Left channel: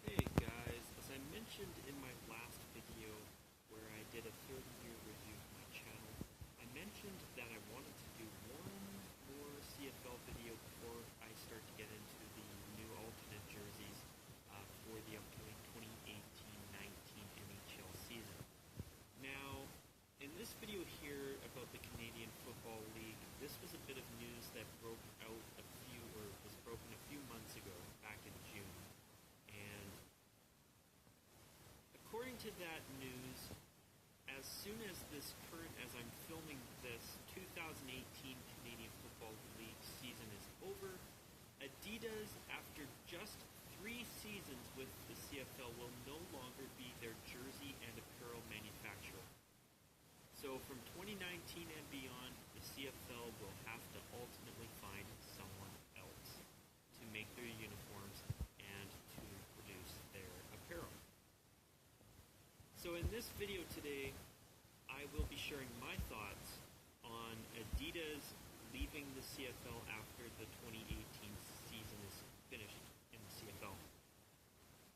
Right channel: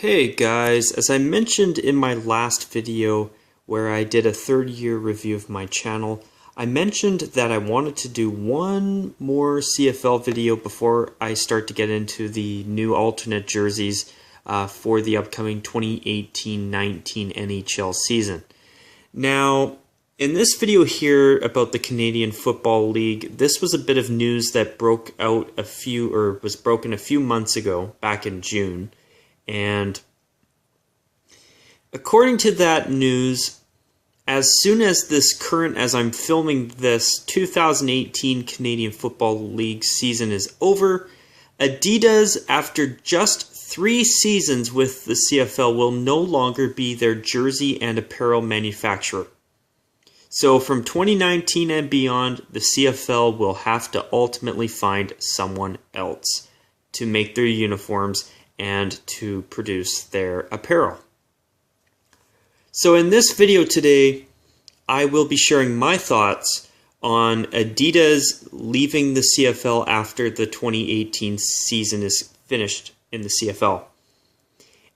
Hey guys, as I mentioned in my last video where I did a third-year review of my channel, I mentioned that I wanted to do one more CFL video before I start to get into the new alternate jerseys for the upcoming 2018-19 NHL season. Now, in this video here about the Canadian Football League, this was a bit of news that was broken a few months ago, back in June. And according to that news, as soon as as I'm filming this, 2018 Canadian Football League season is over, Adidas, after just 3 seasons with the CFL, will no longer be their jersey and apparel manufacturer. So from 2019 and beyond, the CFL will have to ultimately find someone else to make their uniforms and to produce their apparel. So in this video today, I will be sharing my thoughts on Adidas leaving the CFL after the 2018 season is finished in the CFL.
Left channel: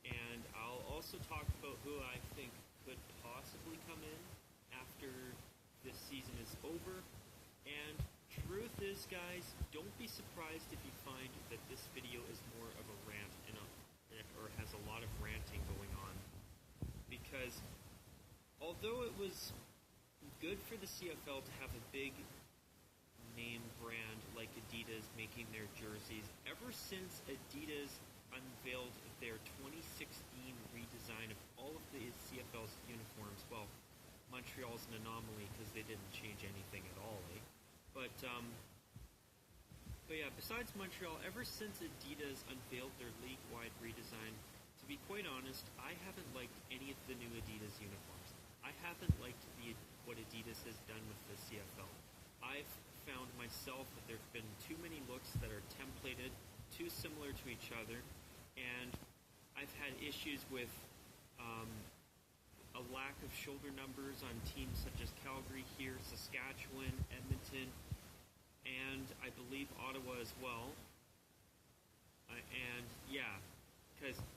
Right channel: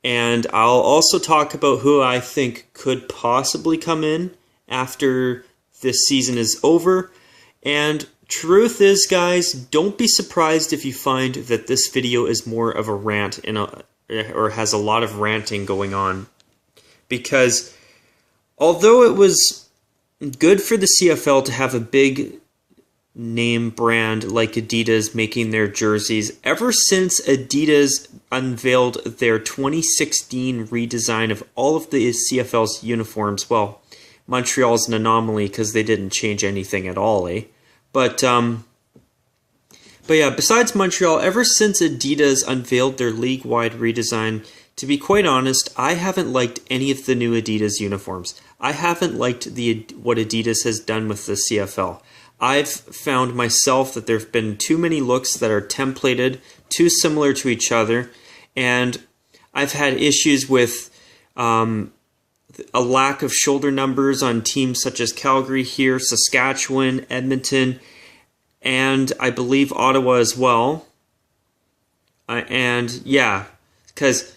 And I'll also talk about who I think could possibly come in after this season is over. And truth is, guys, don't be surprised if you find that this video is more of a rant or has a lot of ranting going on. Because although it was good for the CFL to have a big name brand like Adidas making their jerseys, ever since Adidas unveiled their 2016 redesign of all of the CFL's uniforms, well, Montreal's an anomaly because they didn't change anything at all, eh? But yeah, besides Montreal, ever since Adidas unveiled their league-wide redesign, to be quite honest, I haven't liked any of the new Adidas uniforms. I haven't liked what Adidas has done with the CFL. I've found myself that there have been too many looks that are templated, too similar to each other, and I've had issues with a lack of shoulder numbers on teams such as Calgary here, Saskatchewan, Edmonton, and I believe Ottawa as well. And yeah, because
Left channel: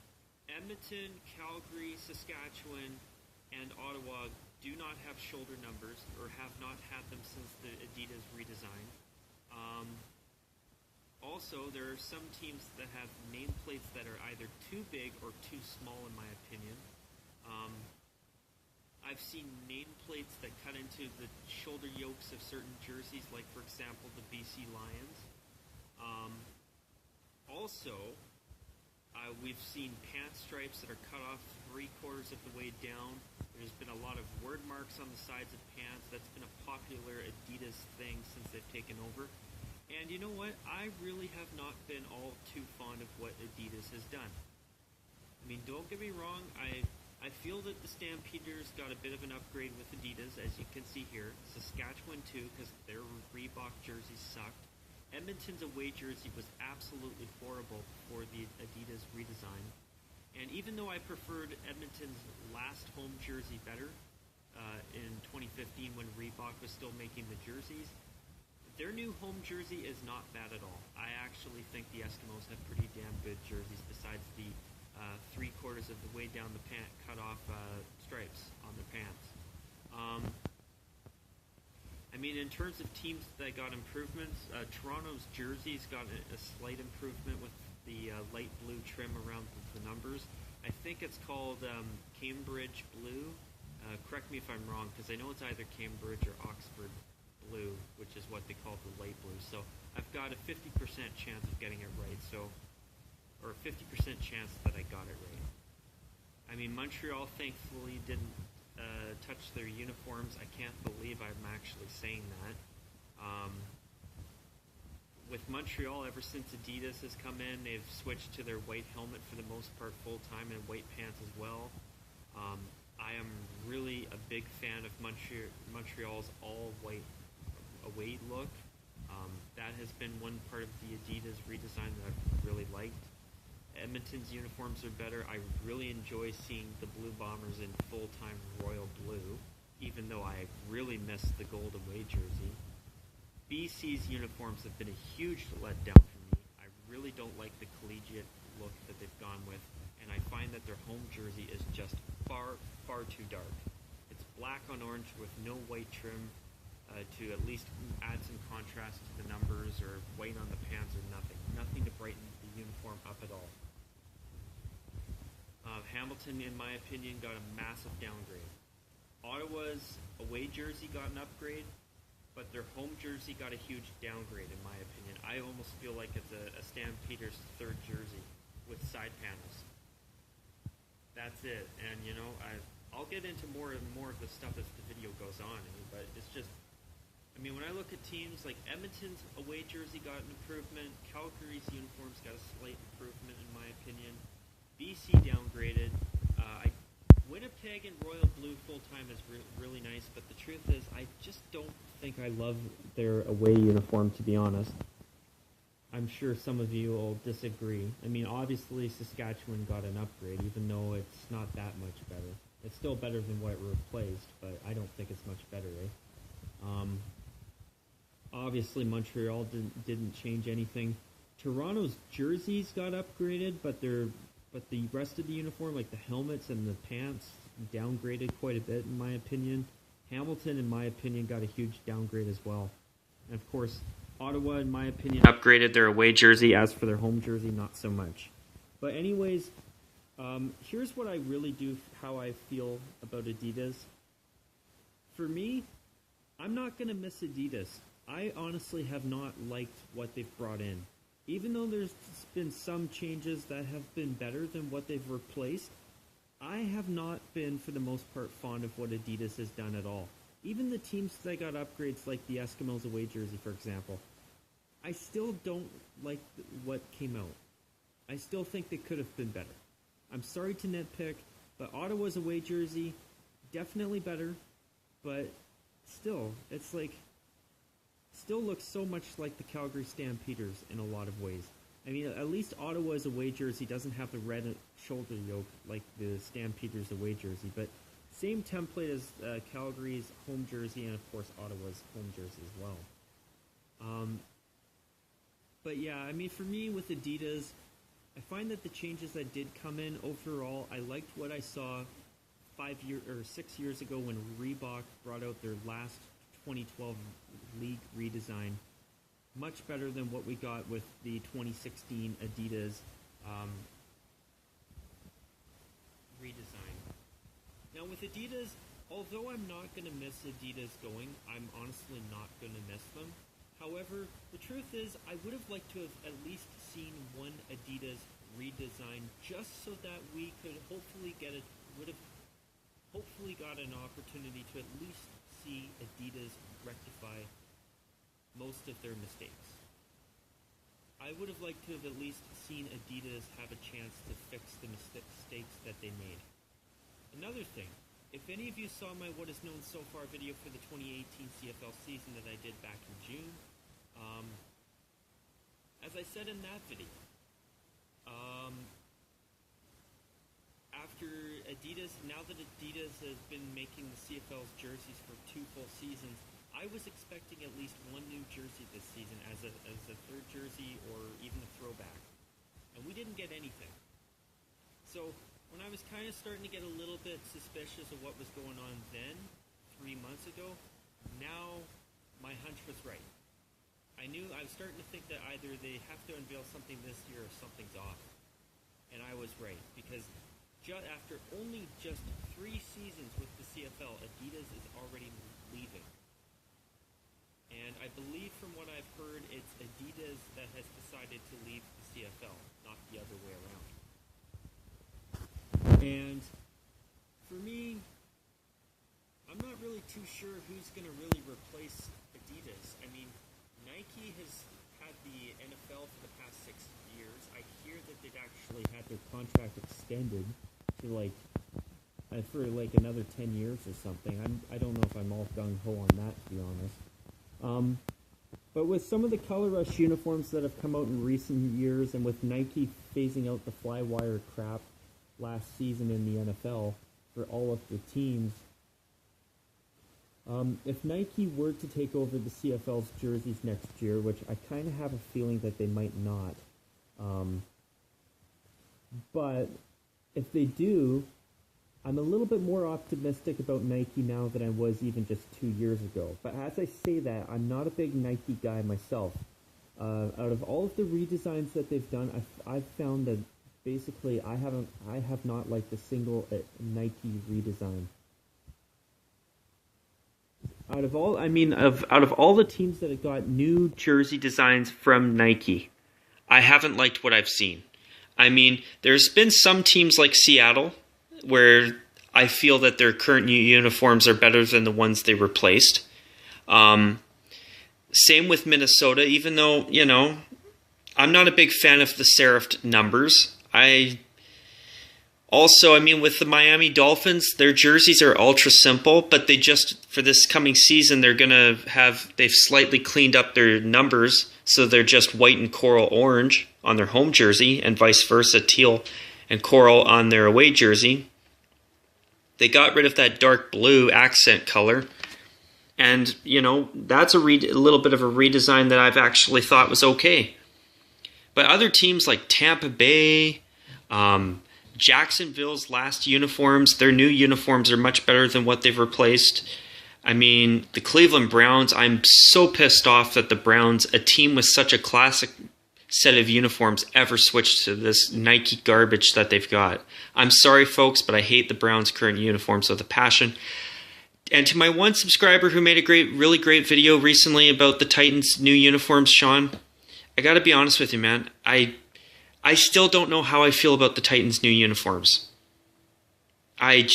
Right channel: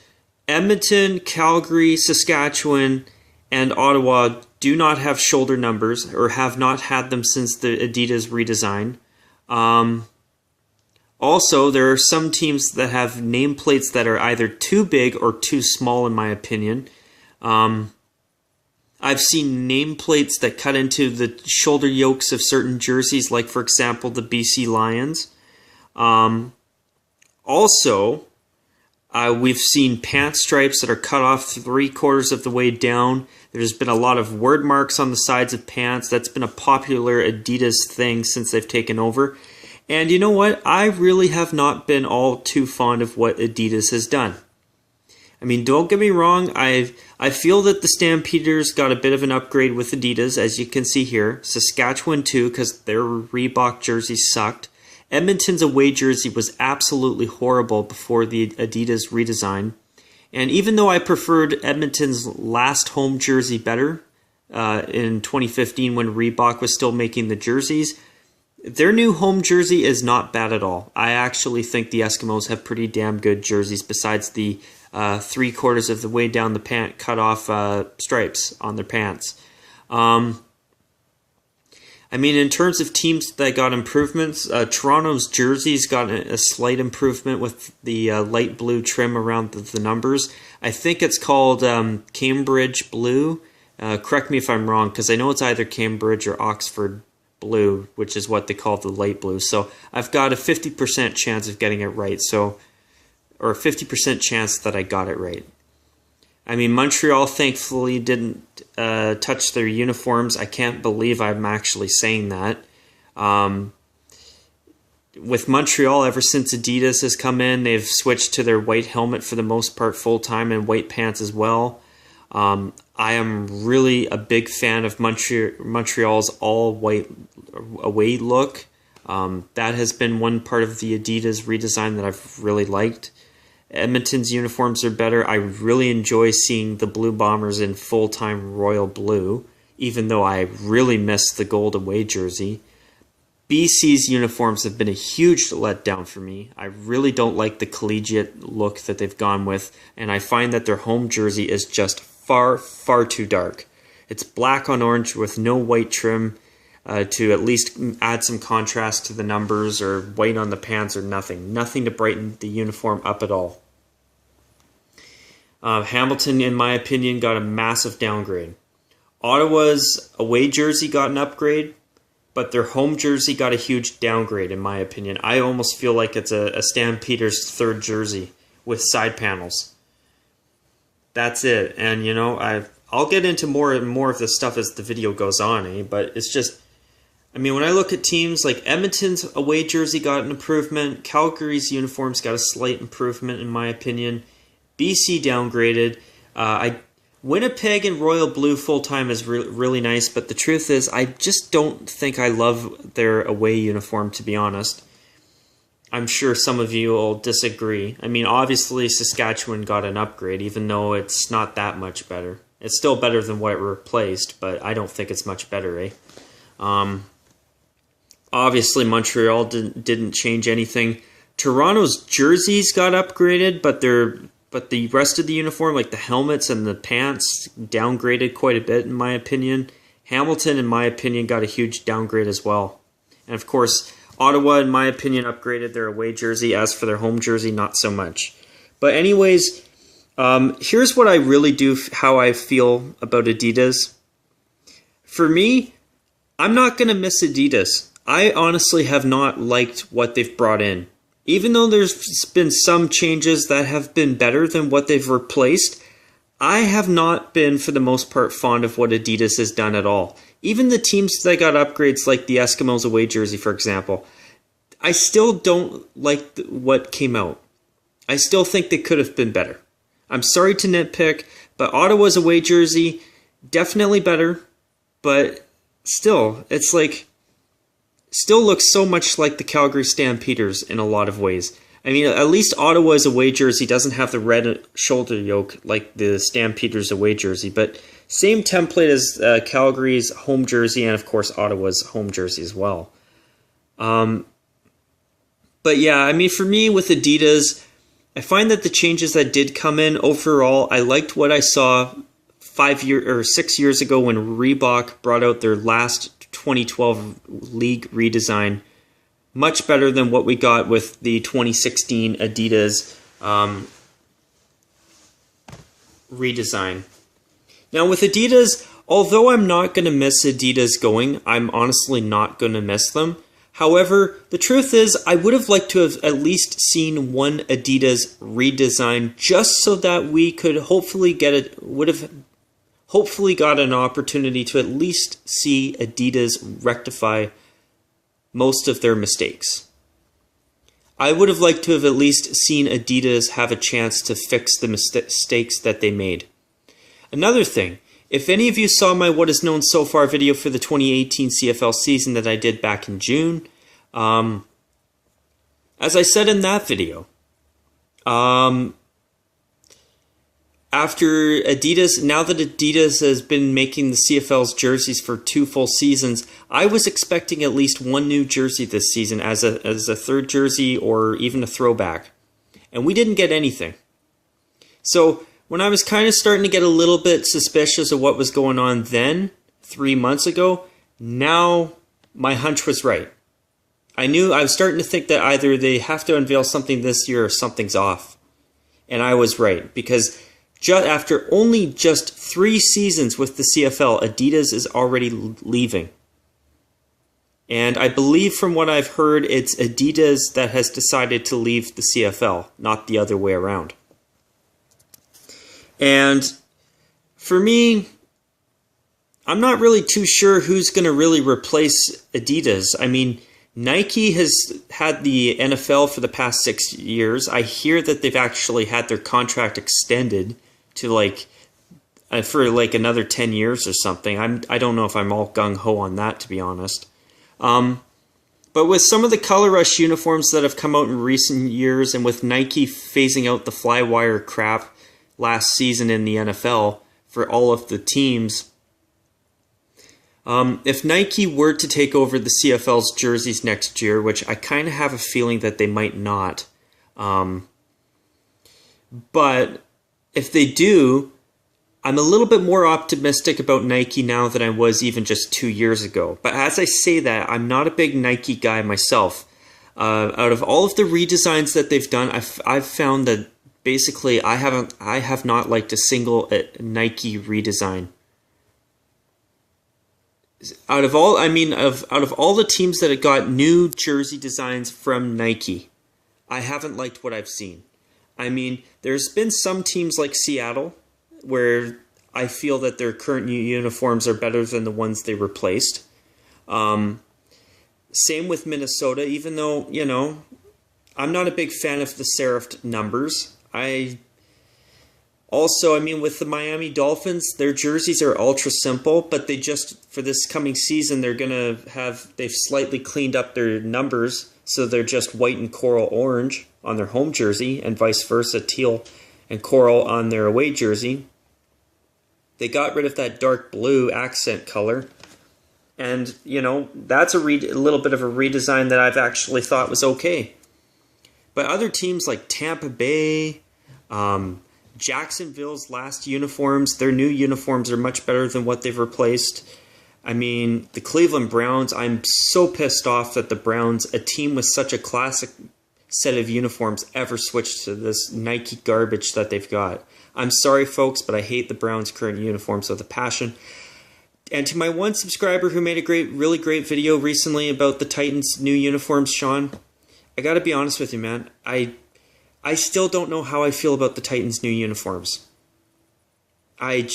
Edmonton, Calgary, Saskatchewan, and Ottawa do not have shoulder numbers, or have not had them since the Adidas redesign. Also, there are some teams that have nameplates that are either too big or too small, in my opinion. I've seen nameplates that cut into the shoulder yokes of certain jerseys, like, for example, the BC Lions. We've seen pant stripes that are cut off 3/4 of the way down. There's been a lot of word marks on the sides of pants. That's been a popular Adidas thing since they've taken over. And you know what? I really have not been all too fond of what Adidas has done. I mean, don't get me wrong, I feel that the Stampeders got a bit of an upgrade with Adidas, as you can see here. Saskatchewan too, because their Reebok jersey sucked. Edmonton's away jersey was absolutely horrible before the Adidas redesign. And even though I preferred Edmonton's last home jersey better in 2015 when Reebok was still making the jerseys, their new home jersey is not bad at all. I actually think the Eskimos have pretty damn good jerseys besides the 3/4 of the way down the pant cut off stripes on their pants. I mean, in terms of teams that got improvements, Toronto's jerseys got a slight improvement with the light blue trim around the numbers. I think it's called Cambridge Blue. Correct me if I'm wrong, because I know it's either Cambridge or Oxford Blue, which is what they call the light blue. So I've got a 50% chance of getting it right. Or a 50% chance that I got it right. I mean, Montreal thankfully didn't touch their uniforms. I can't believe I'm actually saying that. With Montreal, ever since Adidas has come in, they've switched to their white helmet for the most part full-time and white pants as well. I am really a big fan of Montreal's all-white away look. That has been one part of the Adidas redesign that I've really liked. Edmonton's uniforms are better. I really enjoy seeing the Blue Bombers in full-time royal blue, even though I really miss the gold away jersey. BC's uniforms have been a huge letdown for me. I really don't like the collegiate look that they've gone with, and I find that their home jersey is just far, far too dark. It's black on orange with no white trim to at least add some contrast to the numbers, or white on the pants, or nothing. Nothing to brighten the uniform up at all. Hamilton, in my opinion, got a massive downgrade. Ottawa's away jersey got an upgrade, but their home jersey got a huge downgrade, in my opinion. I almost feel like it's a Stampeders third jersey with side panels. That's it. And, you know, I'll get into more and more of this stuff as the video goes on, but it's just, I mean, when I look at teams like Edmonton's away jersey got an improvement, Calgary's uniforms got a slight improvement, in my opinion. BC downgraded. Winnipeg and Royal Blue full-time is really nice, but the truth is I just don't think I love their away uniform, to be honest. I'm sure some of you will disagree. I mean, obviously Saskatchewan got an upgrade, even though it's not that much better. It's still better than what it replaced, but I don't think it's much better, Obviously Montreal didn't change anything. Toronto's jerseys got upgraded, but the rest of the uniform, like the helmets and the pants, downgraded quite a bit, in my opinion. Hamilton, in my opinion, got a huge downgrade as well. And of course, Ottawa, in my opinion, upgraded their away jersey. As for their home jersey, not so much. But anyways, here's what I really do, how I feel about Adidas. For me, I'm not going to miss Adidas. I honestly have not liked what they've brought in. Even though there's been some changes that have been better than what they've replaced, I have not been, for the most part, fond of what Adidas has done at all. Even the teams that got upgrades, like the Eskimos away jersey, for example, I still don't like what came out. I still think they could have been better. I'm sorry to nitpick, but Ottawa's away jersey, definitely better, but still, it's like, still looks so much like the Calgary Stampeders in a lot of ways. I mean, at least Ottawa's away jersey doesn't have the red shoulder yoke like the Stampeders away jersey, but same template as Calgary's home jersey and, of course, Ottawa's home jersey as well. But yeah, I mean, for me with Adidas, I find that the changes that did come in overall, I liked what I saw 6 years ago when Reebok brought out their last 2012 league redesign. Much better than what we got with the 2016 Adidas redesign. Now with Adidas, although I'm not going to miss Adidas going, I'm honestly not going to miss them. However, the truth is, I would have liked to have at least seen one Adidas redesign, just so that we could hopefully hopefully got an opportunity to at least see Adidas rectify most of their mistakes. I would have liked to have at least seen Adidas have a chance to fix the mistakes that they made. Another thing, if any of you saw my What Is Known So Far video for the 2018 CFL season that I did back in June, as I said in that video, after Adidas, now that Adidas has been making the CFL's jerseys for 2 full seasons, I was expecting at least one new jersey this season as a third jersey or even a throwback. And we didn't get anything. So when I was kind of starting to get a little bit suspicious of what was going on then, 3 months ago, now my hunch was right. I was starting to think that either they have to unveil something this year or something's off. And I was right, because after only just 3 seasons with the CFL, Adidas is already leaving. And I believe from what I've heard, it's Adidas that has decided to leave the CFL, not the other way around. And for me, I'm not really too sure who's going to really replace Adidas. I mean, Nike has had the NFL for the past 6 years. I hear that they've actually had their contract extended to for another 10 years or something. I don't know if I'm all gung-ho on that, to be honest. But with some of the Color Rush uniforms that have come out in recent years, and with Nike phasing out the Flywire crap last season in the NFL for all of the teams, If Nike were to take over the CFL's jerseys next year, which I kind of have a feeling that they might not, but if they do, I'm a little bit more optimistic about Nike now than I was even just 2 years ago. But as I say that, I'm not a big Nike guy myself. Out of all of the redesigns that they've done, I've found that basically I have not liked a single Nike redesign. Out of all the teams that have got new jersey designs from Nike, I haven't liked what I've seen. I mean, there's been some teams like Seattle where I feel that their current new uniforms are better than the ones they replaced. Same with Minnesota, even though, I'm not a big fan of the serifed numbers. With the Miami Dolphins, their jerseys are ultra simple, but for this coming season, they've slightly cleaned up their numbers, so they're just white and coral orange on their home jersey, and vice versa, teal and coral on their away jersey. They got rid of that dark blue accent color, and, that's a little bit of a redesign that I've actually thought was okay. But other teams like Tampa Bay, Jacksonville's last uniforms, their new uniforms are much better than what they've replaced. The Cleveland Browns, I'm so pissed off that the Browns, a team with such a classic set of uniforms, ever switched to this Nike garbage that they've got. I'm sorry, folks, but I hate the Browns' current uniforms with a passion. And to my one subscriber who made a really great video recently about the Titans' new uniforms, Sean, I gotta be honest with you, man. I still don't know how I feel about the Titans' new uniforms. I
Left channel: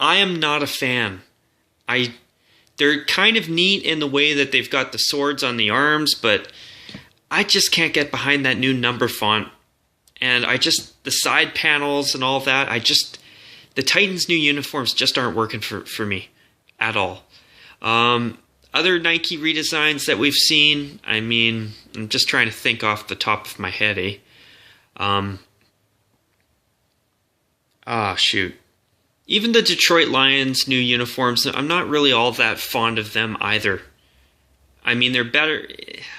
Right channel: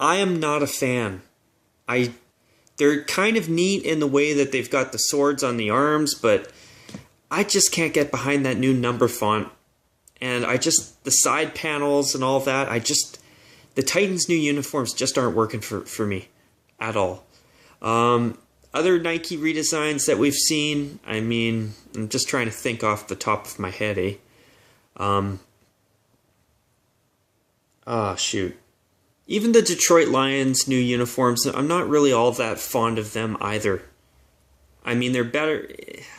am not a fan. They're kind of neat in the way that they've got the swords on the arms, but I just can't get behind that new number font. And the side panels and all that, the Titans' new uniforms just aren't working for me at all. Other Nike redesigns that we've seen, I'm just trying to think off the top of my head, shoot. Even the Detroit Lions' new uniforms, I'm not really all that fond of them either. They're better.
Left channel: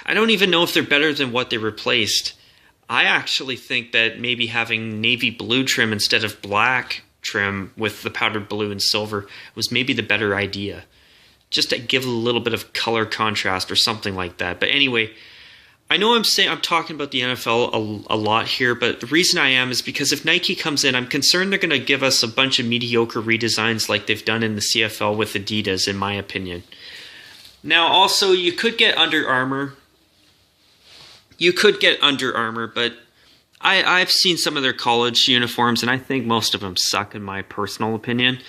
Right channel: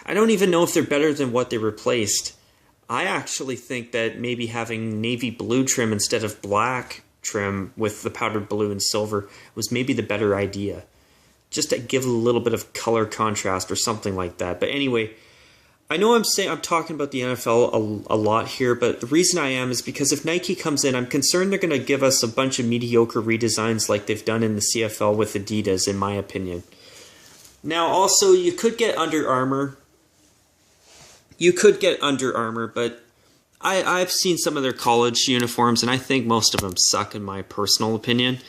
I don't even know if they're better than what they replaced. I actually think that maybe having navy blue trim instead of black trim with the powdered blue and silver was maybe the better idea. Just to give a little bit of color contrast or something like that. But anyway, I know I'm talking about the NFL a lot here, but the reason I am is because if Nike comes in, I'm concerned they're going to give us a bunch of mediocre redesigns like they've done in the CFL with Adidas, in my opinion. Now, also, you could get Under Armour. But I've seen some of their college uniforms, and I think most of them suck, in my personal opinion.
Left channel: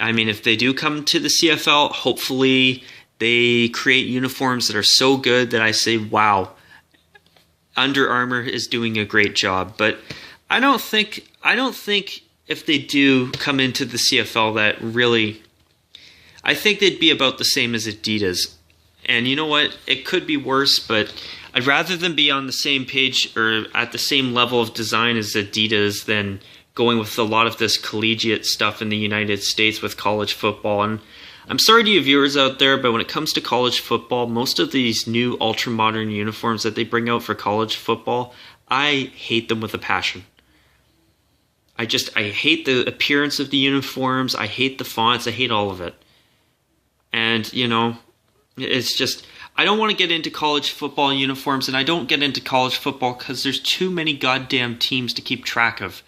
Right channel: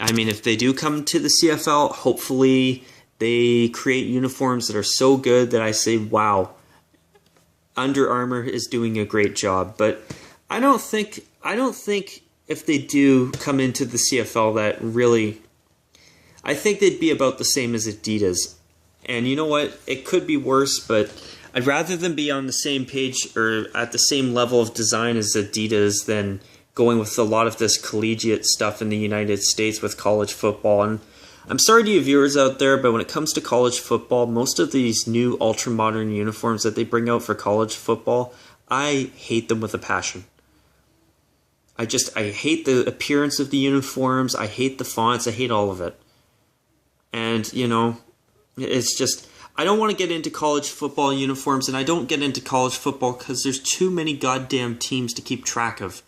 If they do come to the CFL, hopefully they create uniforms that are so good that I say, wow, Under Armour is doing a great job. But I don't think if they do come into the CFL that really, I think they'd be about the same as Adidas. And you know what? It could be worse, but I'd rather them be on the same page or at the same level of design as Adidas than going with a lot of this collegiate stuff in the United States with college football. And I'm sorry to you viewers out there, but when it comes to college football, most of these new ultra-modern uniforms that they bring out for college football, I hate them with a passion. I hate the appearance of the uniforms, I hate the fonts, I hate all of it. And, it's just, I don't want to get into college football uniforms, and I don't get into college football because there's too many goddamn teams to keep track of.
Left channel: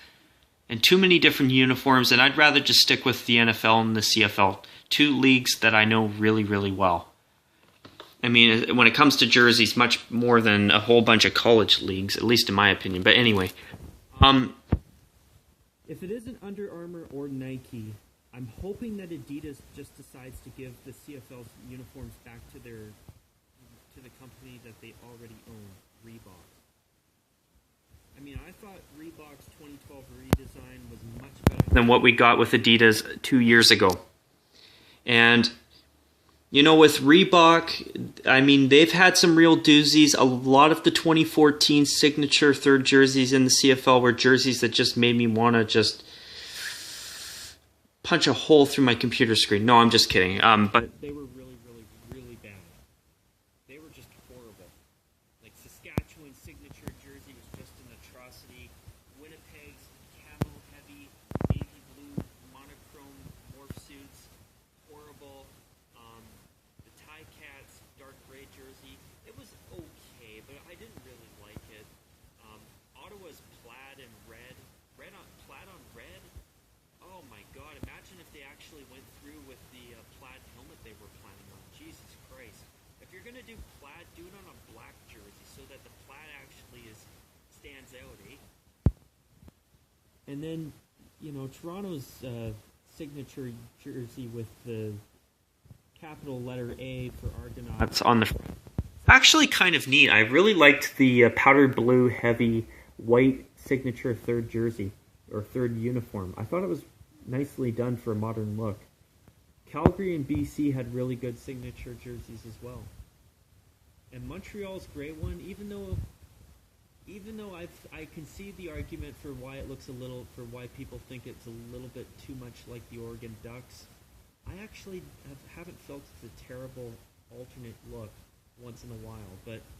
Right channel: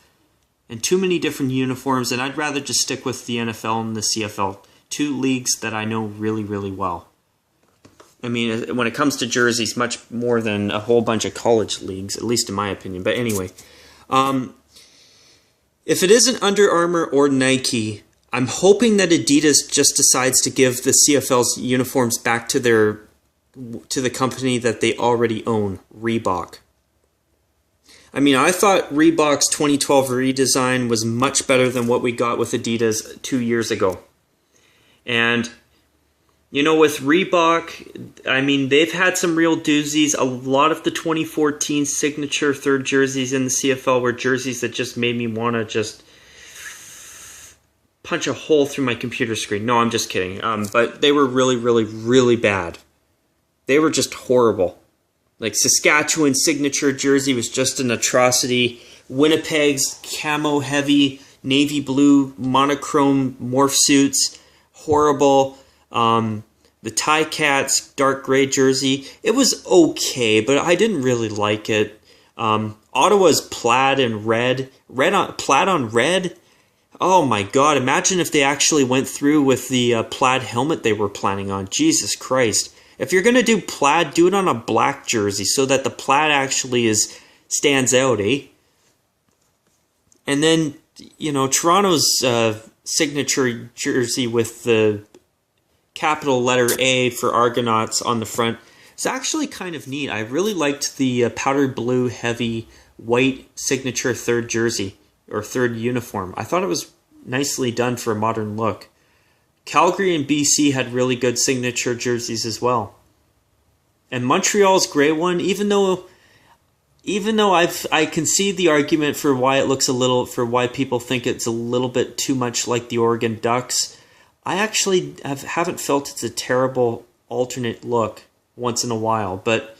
And too many different uniforms, and I'd rather just stick with the NFL and the CFL, two leagues that I know really, really well. When it comes to jerseys, much more than a whole bunch of college leagues, at least in my opinion. But anyway, if it isn't Under Armour or Nike, I'm hoping that Adidas just decides to give the CFL's uniforms back to the company that they already own, Reebok. I thought Reebok's 2012 redesign was much better than what we got with Adidas 2 years ago. And, with Reebok, they've had some real doozies. A lot of the 2014 signature third jerseys in the CFL were jerseys that just made me want to just punch a hole through my computer screen. No, I'm just kidding. But they were really, really, really bad. They were just horrible. Like Saskatchewan signature jersey was just an atrocity. Winnipeg's camo heavy navy blue monochrome morph suits, horrible. The Ticats dark gray jersey, it was okay, but I didn't really like it. Ottawa's plaid and plaid on red. Oh my God! Imagine if they actually went through with the plaid helmet they were planning on. Jesus Christ! If you're gonna do plaid, do it on a black jersey so that the plaid actually stands out, eh? And then Toronto's signature jersey with the capital letter A for Argonauts on the front. It's actually kind of neat. I really liked the powder blue heavy white signature third jersey or third uniform. I thought it was nicely done for a modern look. Calgary and BC had really good signature jerseys as well. And Montreal's gray one, even though I can see the argument for why why people think it's a little bit too much like the Oregon Ducks, I actually haven't felt it's a terrible alternate look once in a while, but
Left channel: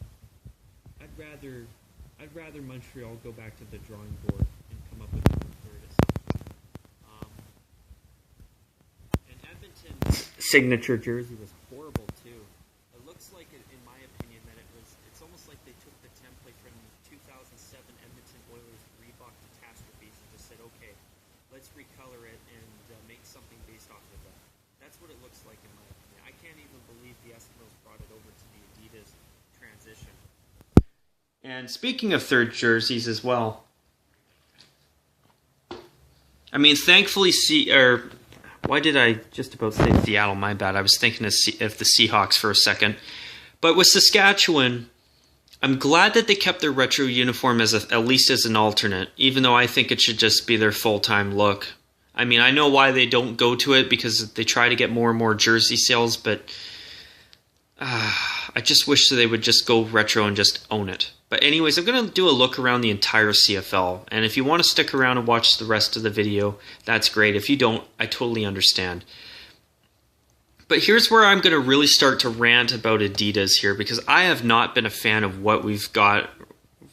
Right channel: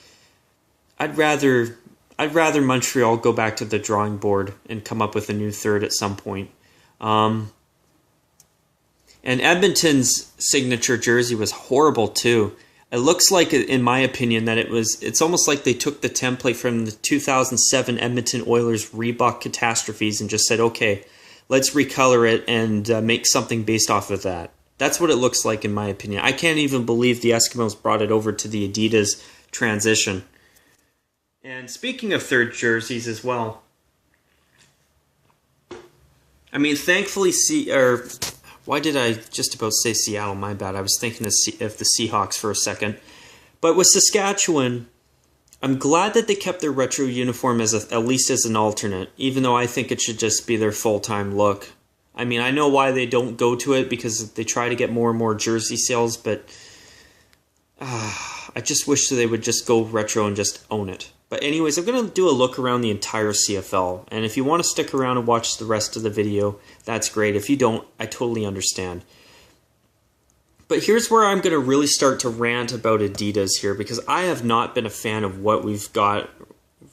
I'd rather Montreal go back to the drawing board and come up with a new third at some point. And Edmonton's signature jersey was horrible too. It looks like, in my opinion, that it's almost like they took the template from the 2007 Edmonton Oilers Reebok catastrophes and just said, okay, let's recolor it and make something based off of that. That's what it looks like, in my opinion. I can't even believe the Eskimos brought it over to the Adidas transition. And speaking of third jerseys as well, I mean, thankfully, why did I just about say Seattle? My bad. I was thinking of the Seahawks for a second. But with Saskatchewan, I'm glad that they kept their retro uniform at least as an alternate, even though I think it should just be their full-time look. I mean, I know why they don't go to it, because they try to get more and more jersey sales, but I just wish that they would just go retro and just own it. But anyways, I'm going to do a look around the entire CFL, and if you want to stick around and watch the rest of the video, that's great. If you don't, I totally understand. But here's where I'm going to really start to rant about Adidas here, because I have not been a fan of what we've got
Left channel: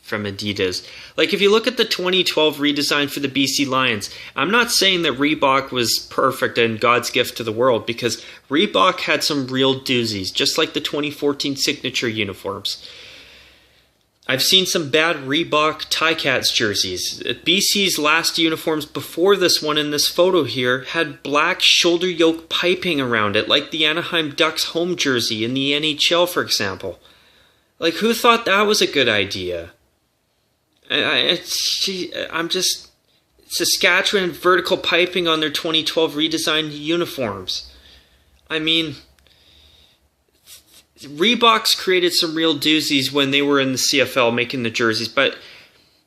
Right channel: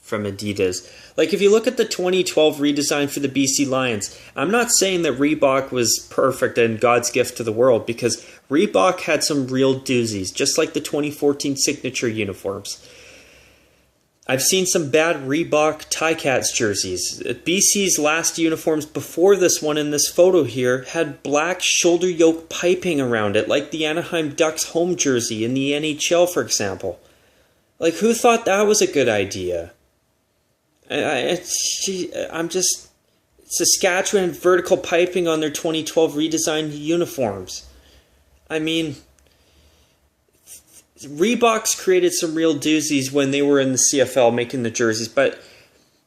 from Adidas. Like, if you look at the 2012 redesign for the BC Lions, I'm not saying that Reebok was perfect and God's gift to the world, because Reebok had some real doozies, just like the 2014 signature uniforms. I've seen some bad Reebok Ticats jerseys. BC's last uniforms before this one in this photo here had black shoulder yoke piping around it, like the Anaheim Ducks home jersey in the NHL, for example. Like, who thought that was a good idea? I'm just... Saskatchewan vertical piping on their 2012 redesigned uniforms. I mean, Reebok's created some real doozies when they were in the CFL making the jerseys, but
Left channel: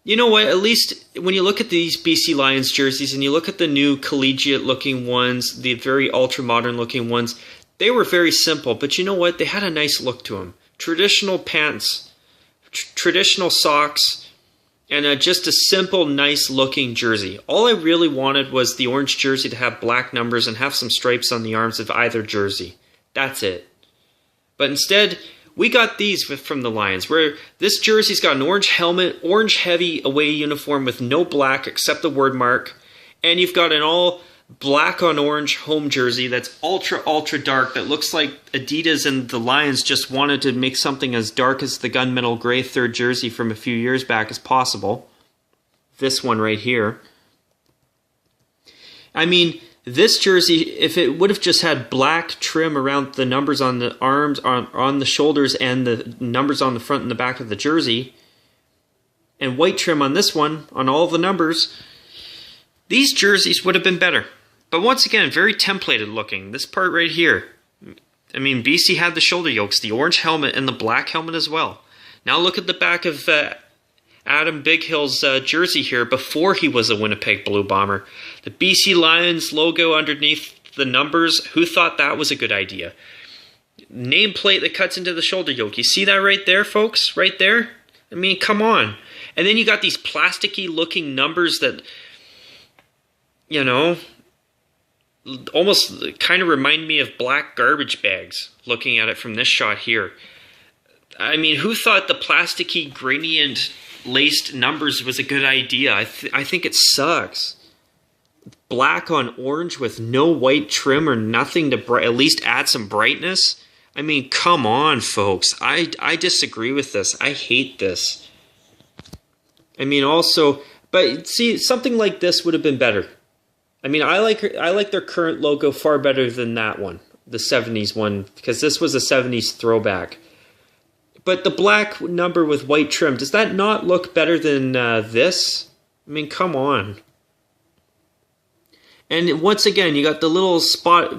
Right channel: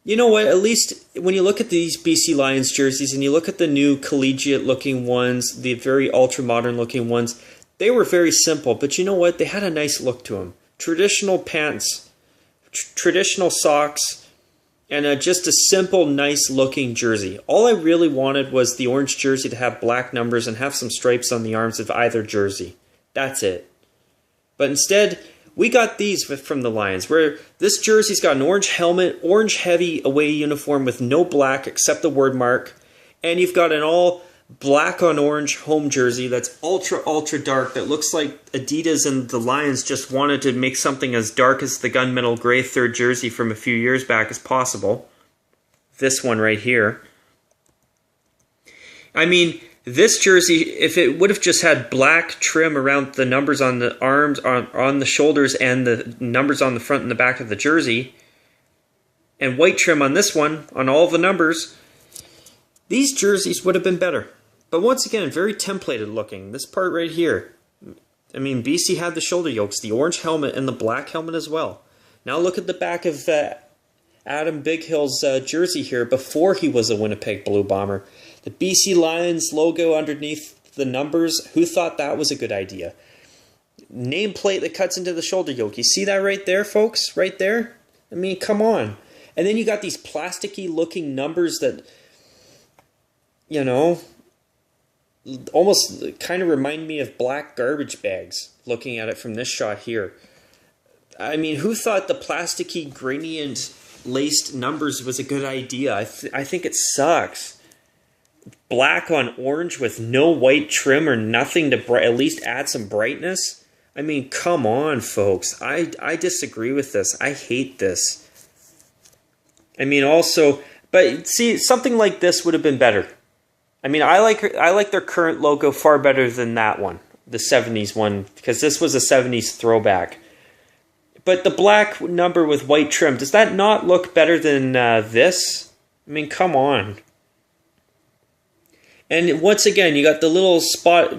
you know what? At least when you look at these BC Lions jerseys and you look at the new collegiate looking ones, the very ultra modern looking ones, they were very simple, but you know what? They had a nice look to them. Traditional pants, traditional socks, and just a simple, nice looking jersey. All I really wanted was the orange jersey to have black numbers and have some stripes on the arms of either jersey. That's it. But instead, we got these from the Lions, where this jersey's got an orange helmet, orange heavy away uniform with no black except the word mark, and you've got an all black on orange home jersey that's ultra, ultra dark that looks like Adidas and the Lions just wanted to make something as dark as the gunmetal gray third jersey from a few years back as possible. This one right here. I mean, this jersey, if it would have just had black trim around the numbers on the arms, on the shoulders, and the numbers on the front and the back of the jersey, and white trim on this one, on all the numbers, these jerseys would have been better. But once again, very templated looking. This part right here. I mean, BC had the shoulder yokes, the orange helmet, and the black helmet as well. Now look at the back of Adam Big Hill's jersey here before he was a Winnipeg Blue Bomber. The BC Lions logo underneath the numbers. Who thought that was a good idea? Nameplate that cuts into the shoulder yoke. You see that right there, folks? Right there? I mean, come on. And then you got these plasticky looking numbers that, you know, almost kind of remind me of black garbage bags, looking at it from this shot here. I mean, who thought the plasticky gradient laced numbers was a good idea? I think it sucks. Black on orange with no white trim or nothing to at least add some brightness. I mean, come on, folks. I disagree with this. I hate this. I mean, also, but see, something like this would have been better. I mean, I like their current logo far better than that one, the 70s one, because this was a 70s throwback. But the black number with white trim, does that not look better than this? I mean, come on. And once again, you got the little spot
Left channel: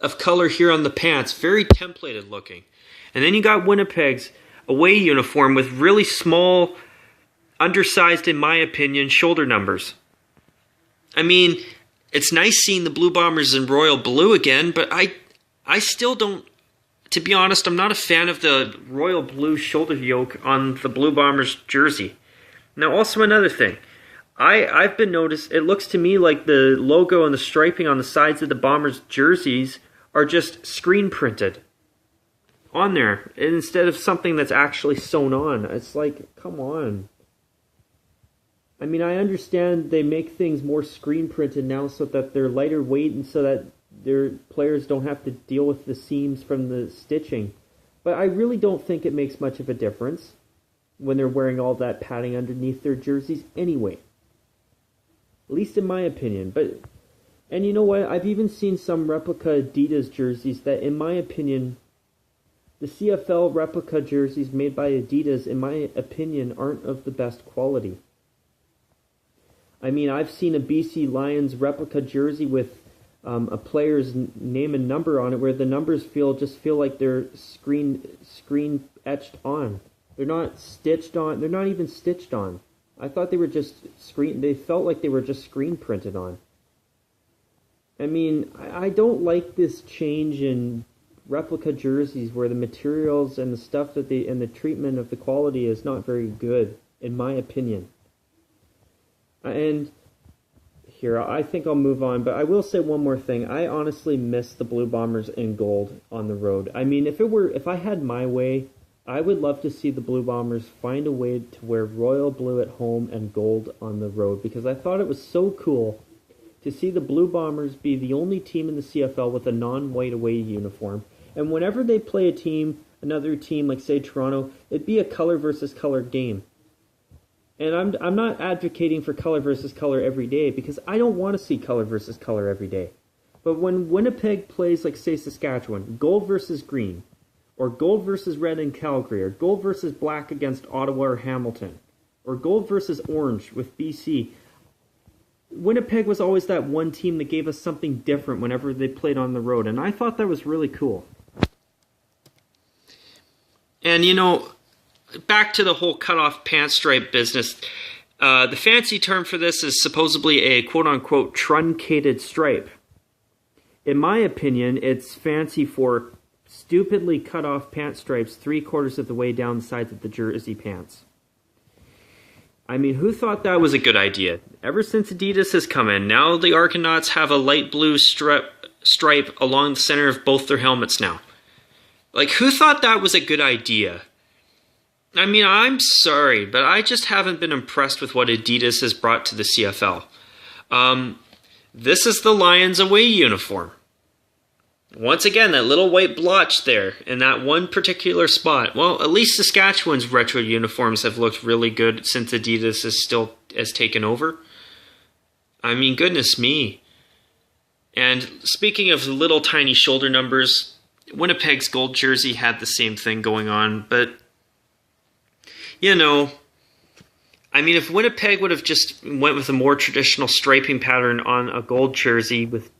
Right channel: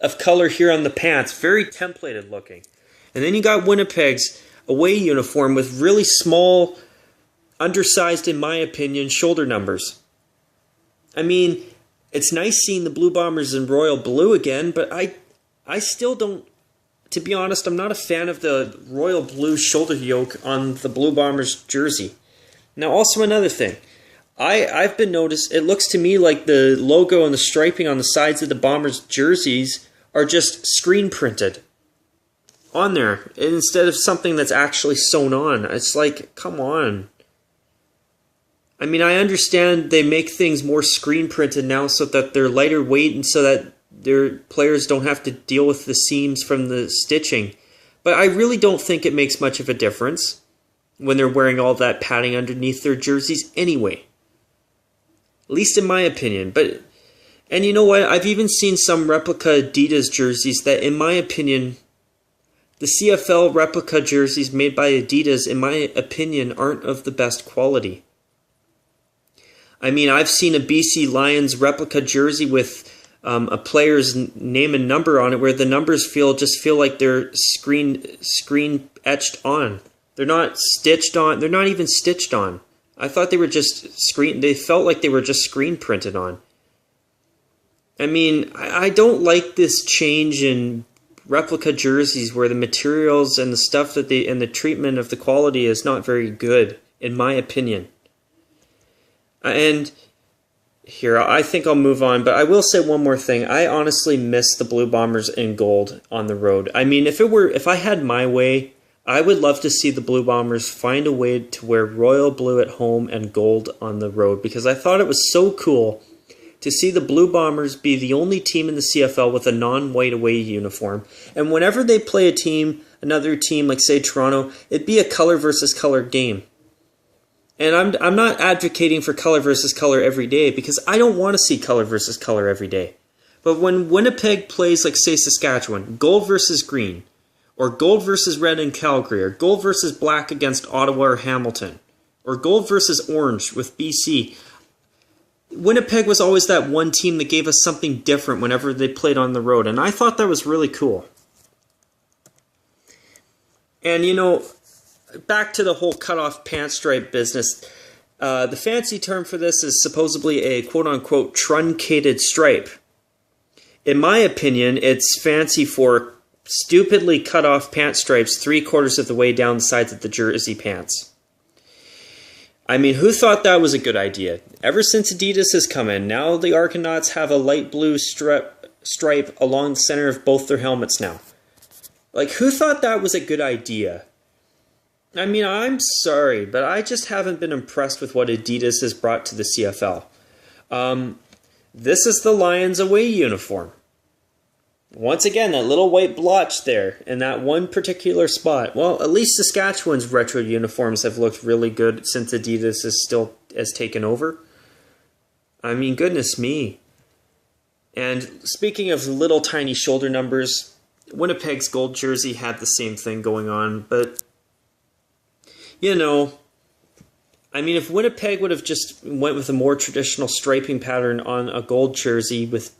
of color here on the pants, very templated looking. And then you got Winnipeg's away uniform with really small, undersized, in my opinion, shoulder numbers. I mean, it's nice seeing the Blue Bombers in royal blue again, but I still don't, to be honest, I'm not a fan of the royal blue shoulder yoke on the Blue Bombers jersey. Now, also another thing. I've been noticed, it looks to me like the logo and the striping on the sides of the Bombers jerseys are just screen printed on there instead of something that's actually sewn on. It's like, come on. I mean, I understand they make things more screen printed now so that they're lighter weight and so that their players don't have to deal with the seams from the stitching. But I really don't think it makes much of a difference when they're wearing all that padding underneath their jerseys anyway. At least in my opinion. And you know what? I've even seen some replica Adidas jerseys that, in my opinion, the CFL replica jerseys made by Adidas, in my opinion, aren't of the best quality. I mean, I've seen a BC Lions replica jersey with a player's name and number on it where the numbers feel like they're screen etched on. They're not stitched on. They're not even stitched on. I thought they were just they felt like they were just screen printed on. I mean, I don't like this change in replica jerseys where the materials and the stuff and the treatment of the quality is not very good, in my opinion. And here, I think I'll move on, but I will say one more thing. I honestly miss the Blue Bombers in gold on the road. I mean, if I had my way, I would love to see the Blue Bombers find a way to wear royal blue at home and gold on the road, because I thought it was so cool to see the Blue Bombers be the only team in the CFL with a non-white away uniform. And whenever they play another team like, say, Toronto, it'd be a color versus color game. And I'm not advocating for color versus color every day, because I don't want to see color versus color every day. But when Winnipeg plays, like, say, Saskatchewan, gold versus green, or gold versus red in Calgary, or gold versus black against Ottawa or Hamilton, or gold versus orange with BC, Winnipeg was always that one team that gave us something different whenever they played on the road, and I thought that was really cool. And, you know, back to the whole cut-off pant stripe business, the fancy term for this is supposedly a quote-unquote truncated stripe. In my opinion, it's fancy for stupidly cut off pant stripes 3/4 of the way down the sides of the jersey pants. I mean, who thought that was a good idea? Ever since Adidas has come in, now the Argonauts have a light blue stripe along the center of both their helmets now. Like, who thought that was a good idea? I mean, I'm sorry, but I just haven't been impressed with what Adidas has brought to the CFL. This is the Lions away uniform. Once again, that little white blotch there in that one particular spot. Well, at least Saskatchewan's retro uniforms have looked really good since Adidas has taken over. I mean, goodness me. And speaking of little tiny shoulder numbers, Winnipeg's gold jersey had the same thing going on, but, you know, I mean, if Winnipeg would have just went with a more traditional striping pattern on a gold jersey with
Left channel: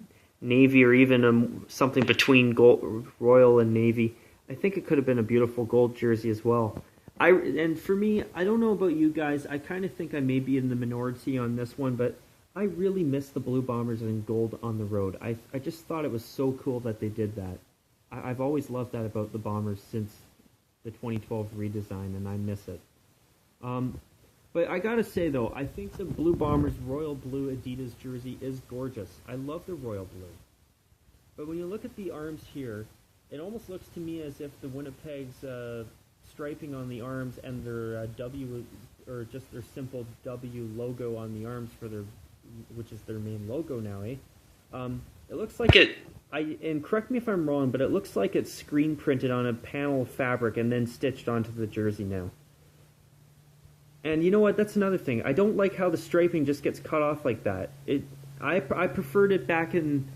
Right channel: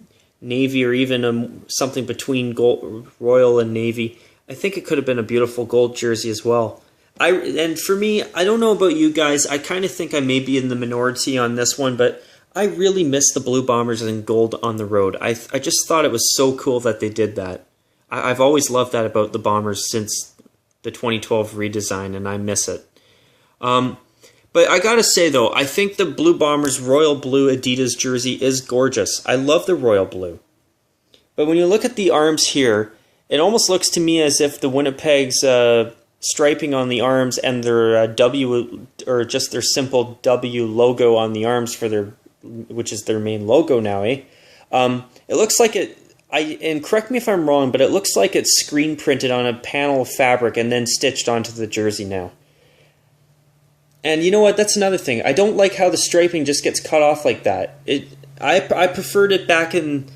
navy or even something between gold, royal and navy, I think it could have been a beautiful gold jersey as well. And for me, I don't know about you guys, I kind of think I may be in the minority on this one, but I really miss the Blue Bombers in gold on the road. I just thought it was so cool that they did that. I've always loved that about the Bombers since the 2012 redesign, and I miss it. But I gotta say though, I think the Blue Bombers royal blue Adidas jersey is gorgeous. I love the royal blue. But when you look at the arms here, it almost looks to me as if the Winnipeg's striping on the arms and their W, or just their simple W logo on the arms for their, which is their main logo now, It looks like it, and correct me if I'm wrong, but it looks like it's screen printed on a panel of fabric and then stitched onto the jersey now. And you know what? That's another thing. I don't like how the striping just gets cut off like that. I preferred it back in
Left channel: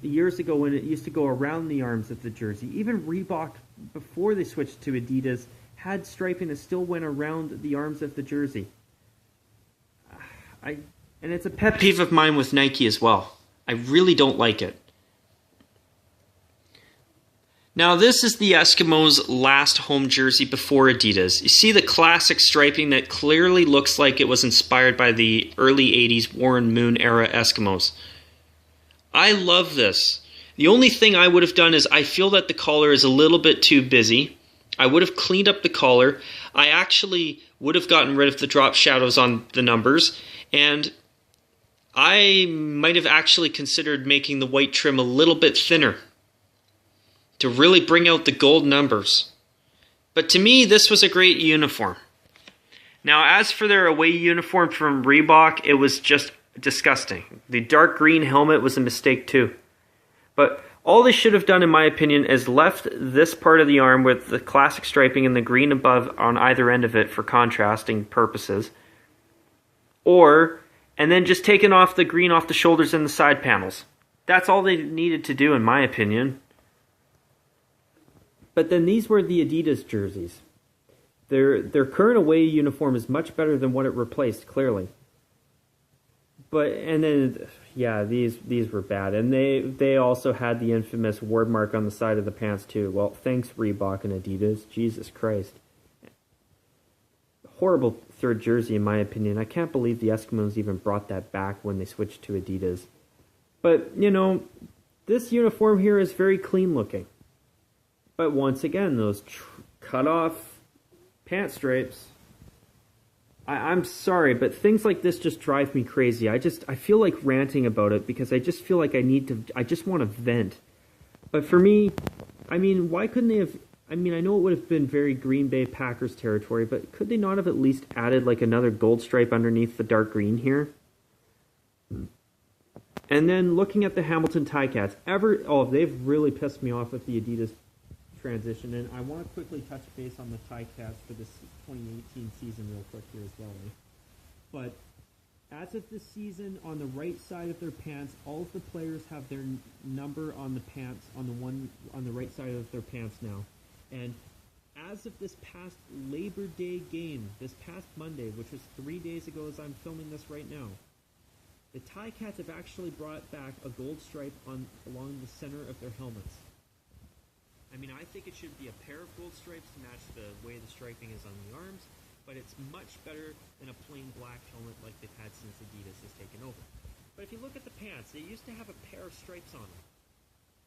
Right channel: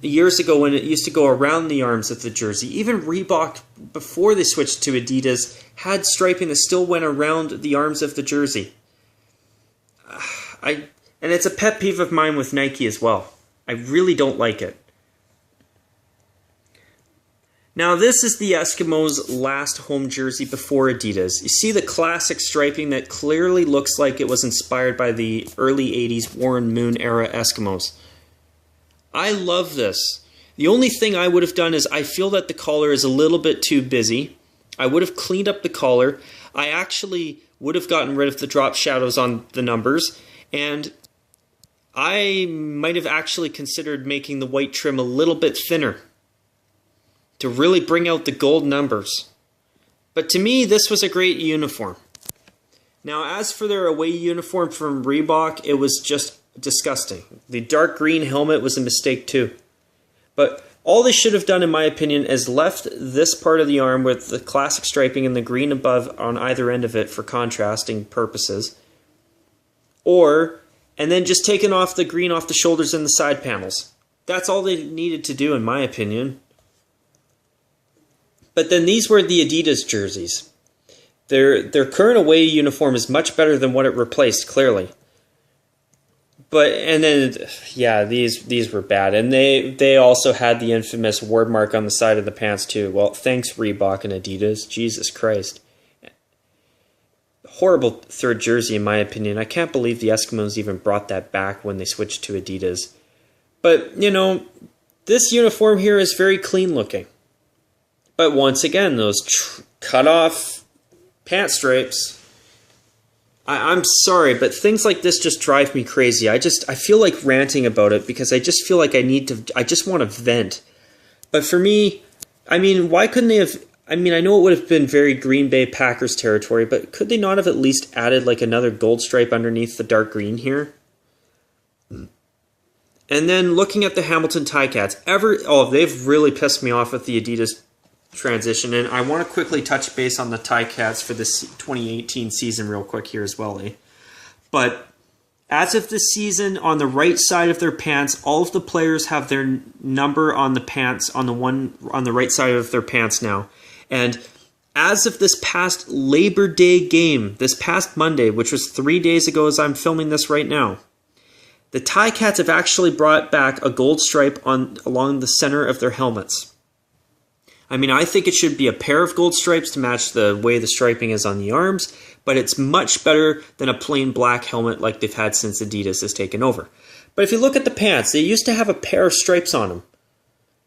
years ago when it used to go around the arms of the jersey. Even Reebok, before they switched to Adidas, had striping that still went around the arms of the jersey. And it's a pet peeve of mine with Nike as well. I really don't like it. Now this is the Eskimos' last home jersey before Adidas. You see the classic striping that clearly looks like it was inspired by the early 80s Warren Moon era Eskimos. I love this. The only thing I would have done is I feel that the collar is a little bit too busy. I would have cleaned up the collar. I actually would have gotten rid of the drop shadows on the numbers, and I might have actually considered making the white trim a little bit thinner to really bring out the gold numbers. But to me, this was a great uniform. Now, as for their away uniform from Reebok, it was just disgusting. The dark green helmet was a mistake too. But all they should have done, in my opinion, is left this part of the arm with the classic striping and the green above on either end of it for contrasting purposes. And then just taken off the green off the shoulders and the side panels. That's all they needed to do, in my opinion. But then these were the Adidas jerseys. Their current away uniform is much better than what it replaced, clearly. And then, yeah, these were bad. And they also had the infamous word mark on the side of the pants too. Well, thanks Reebok and Adidas. Jesus Christ. Horrible third jersey in my opinion. I can't believe the Eskimos even brought that back when they switched to Adidas. But, you know, this uniform here is very clean looking. But once again, those cut off pant stripes, I'm sorry, but things like this just drive me crazy. I feel like ranting about it because I just feel like I just want to vent. But for me, I mean, why couldn't they have, I mean, I know it would have been very Green Bay Packers territory, but could they not have at least added like another gold stripe underneath the dark green here? And then looking at the Hamilton Ticats, they've really pissed me off with the Adidas transition, and I want to quickly touch base on the Ticats for this 2018 season real quick here as well. But as of this season, on the right side of their pants, all of the players have their number on the pants on the right side of their pants now. And as of this past Labor Day game, this past Monday, which was 3 days ago as I'm filming this right now, the Ticats have actually brought back a gold stripe along the center of their helmets. I mean, I think it should be a pair of gold stripes to match the way the striping is on the arms, but it's much better than a plain black helmet like they've had since Adidas has taken over. But if you look at the pants, they used to have a pair of stripes on them.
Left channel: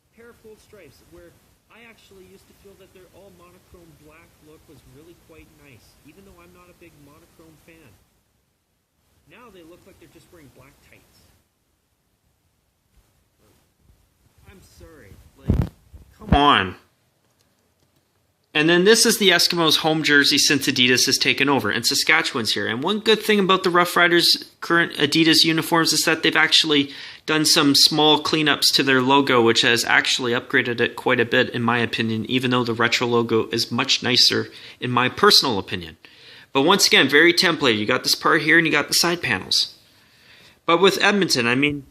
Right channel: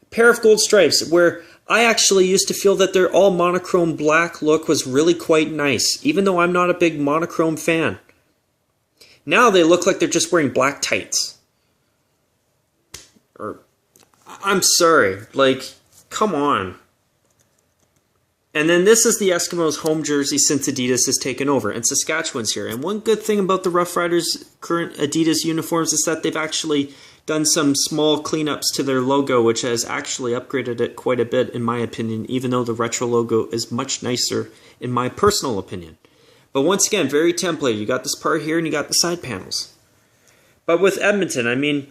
A pair of gold stripes, where I actually used to feel that their all monochrome black look was really quite nice, even though I'm not a big monochrome fan. Now they look like they're just wearing black tights. I'm sorry, like, come on. And then this is the Eskimos' home jersey since Adidas has taken over, and Saskatchewan's here. And one good thing about the Rough Riders' current Adidas uniforms is that they've actually done some small cleanups to their logo, which has actually upgraded it quite a bit, in my opinion, even though the retro logo is much nicer, in my personal opinion. But once again, very templated. You got this part here, and you got the side panels. But with Edmonton, I mean,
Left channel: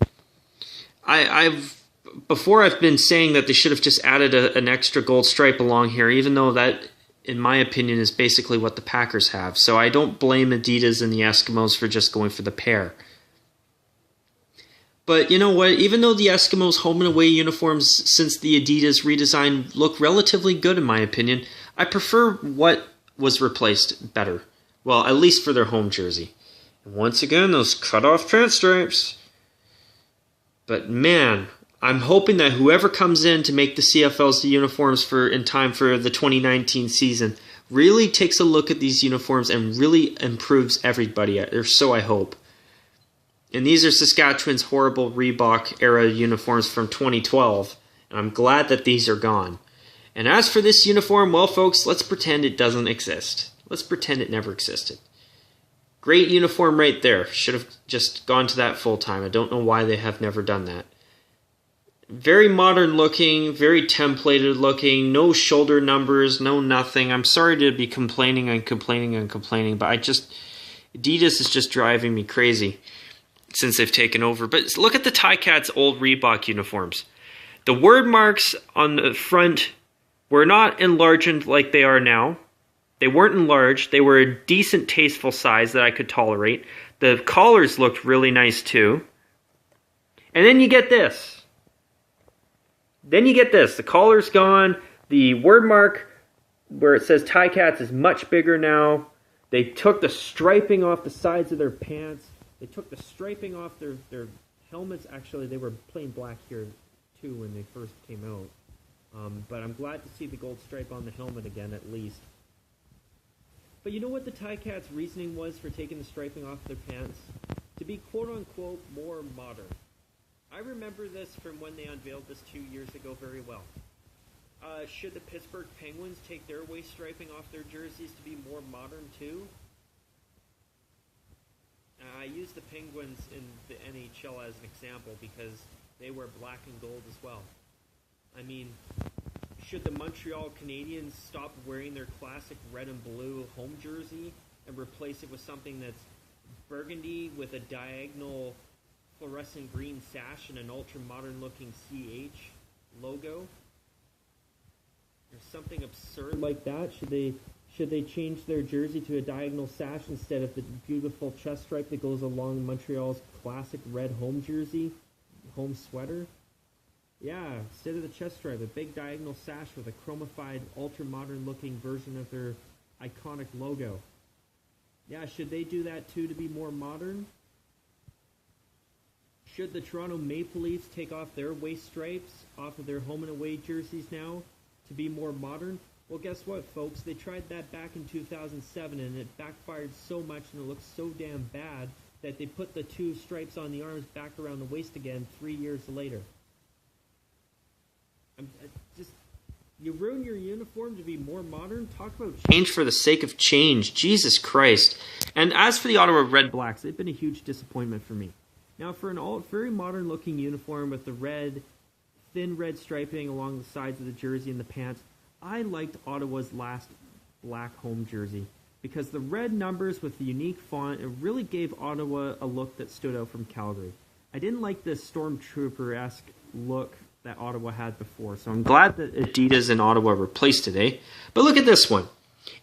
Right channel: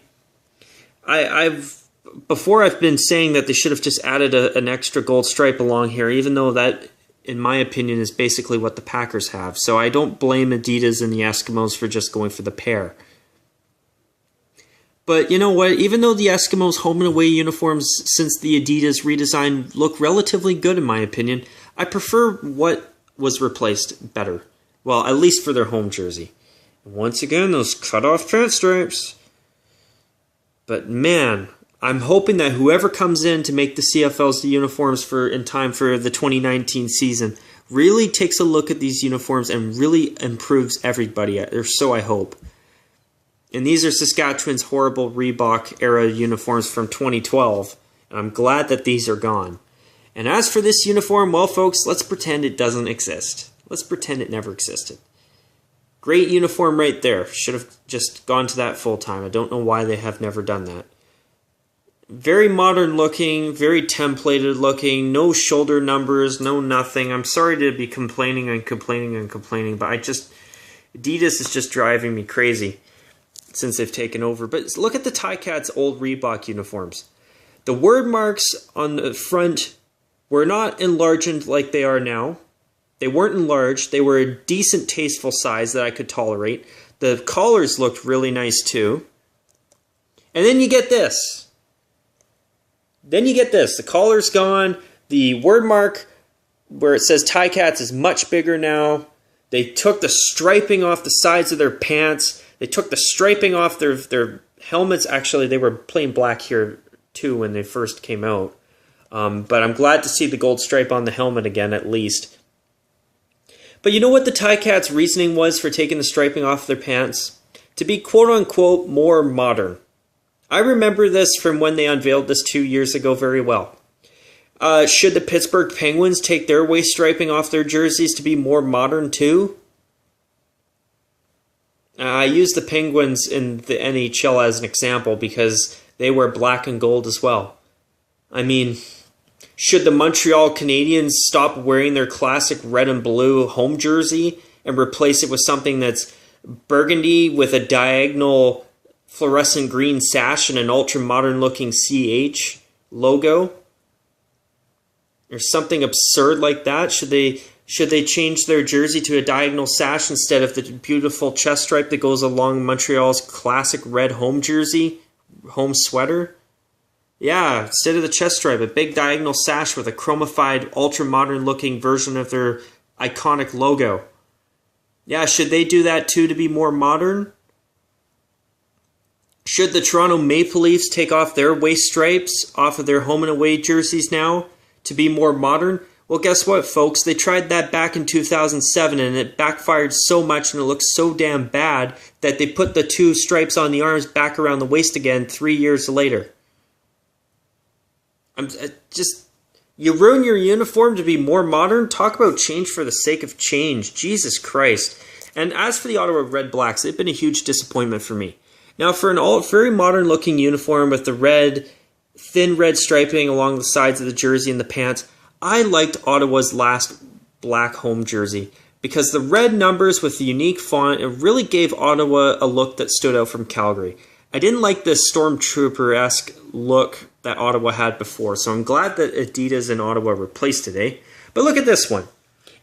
Before I've been saying that they should have just added an extra gold stripe along here, even though that, in my opinion, is basically what the Packers have. So I don't blame Adidas and the Eskimos for just going for the pair. But you know what? Even though the Eskimos' home and away uniforms since the Adidas redesign look relatively good in my opinion, I prefer what was replaced better. Well, at least for their home jersey. And once again, those cut-off pant stripes. But man, I'm hoping that whoever comes in to make the CFL's uniforms in time for the 2019 season really takes a look at these uniforms and really improves everybody, or so I hope. And these are Saskatchewan's horrible Reebok era uniforms from 2012, and I'm glad that these are gone. And as for this uniform, well, folks, let's pretend it doesn't exist. Let's pretend it never existed. Great uniform right there. Should have just gone to that full time. I don't know why they have never done that. Very modern looking, very templated looking, no shoulder numbers, no nothing. I'm sorry to be complaining, but Adidas is just driving me crazy since they've taken over. But look at the Ticats old Reebok uniforms. The word marks on the front were not enlarged like they are now. They weren't enlarged. They were a decent, tasteful size that I could tolerate. The collars looked really nice too. And then you get this. The collar's gone. The word mark where it says Ticats is much bigger now. They took the striping off the sides of their pants. They took the striping off their helmets. Actually, they were plain black here too when they first came out. But I'm glad to see the gold stripe on the helmet again, at least. But you know what the Ticats' reasoning was for taking the striping off their pants? To be quote-unquote more modern. I remember this from when they unveiled this 2 years ago very well. Should the Pittsburgh Penguins take their waist striping off their jerseys to be more modern too? I use the Penguins in the NHL as an example because they wear black and gold as well. I mean, should the Montreal Canadiens stop wearing their classic red and blue home jersey and replace it with something that's burgundy with a diagonal fluorescent green sash and an ultra-modern looking CH logo? Or something absurd like that? Should they change their jersey to a diagonal sash instead of the beautiful chest stripe that goes along Montreal's classic red home jersey, home sweater? Yeah, instead of the chest stripe, a big diagonal sash with a chromified, ultra-modern looking version of their iconic logo. Yeah, should they do that too to be more modern? Should the Toronto Maple Leafs take off their waist stripes off of their home and away jerseys now to be more modern? Well, guess what, folks? They tried that back in 2007 and it backfired so much and it looked so damn bad that they put the two stripes on the arms back around the waist again 3 years later. You ruin your uniform to be more modern? Talk about change for the sake of change. Jesus Christ. And as for the Ottawa Red Blacks, they've been a huge disappointment for me. Now, for an very modern-looking uniform with the thin red striping along the sides of the jersey and the pants, I liked Ottawa's last black home jersey because the red numbers with the unique font, it really gave Ottawa a look that stood out from Calgary. I didn't like this Stormtrooper-esque look that Ottawa had before, so I'm glad that Adidas and Ottawa replaced it, eh? But look at this one.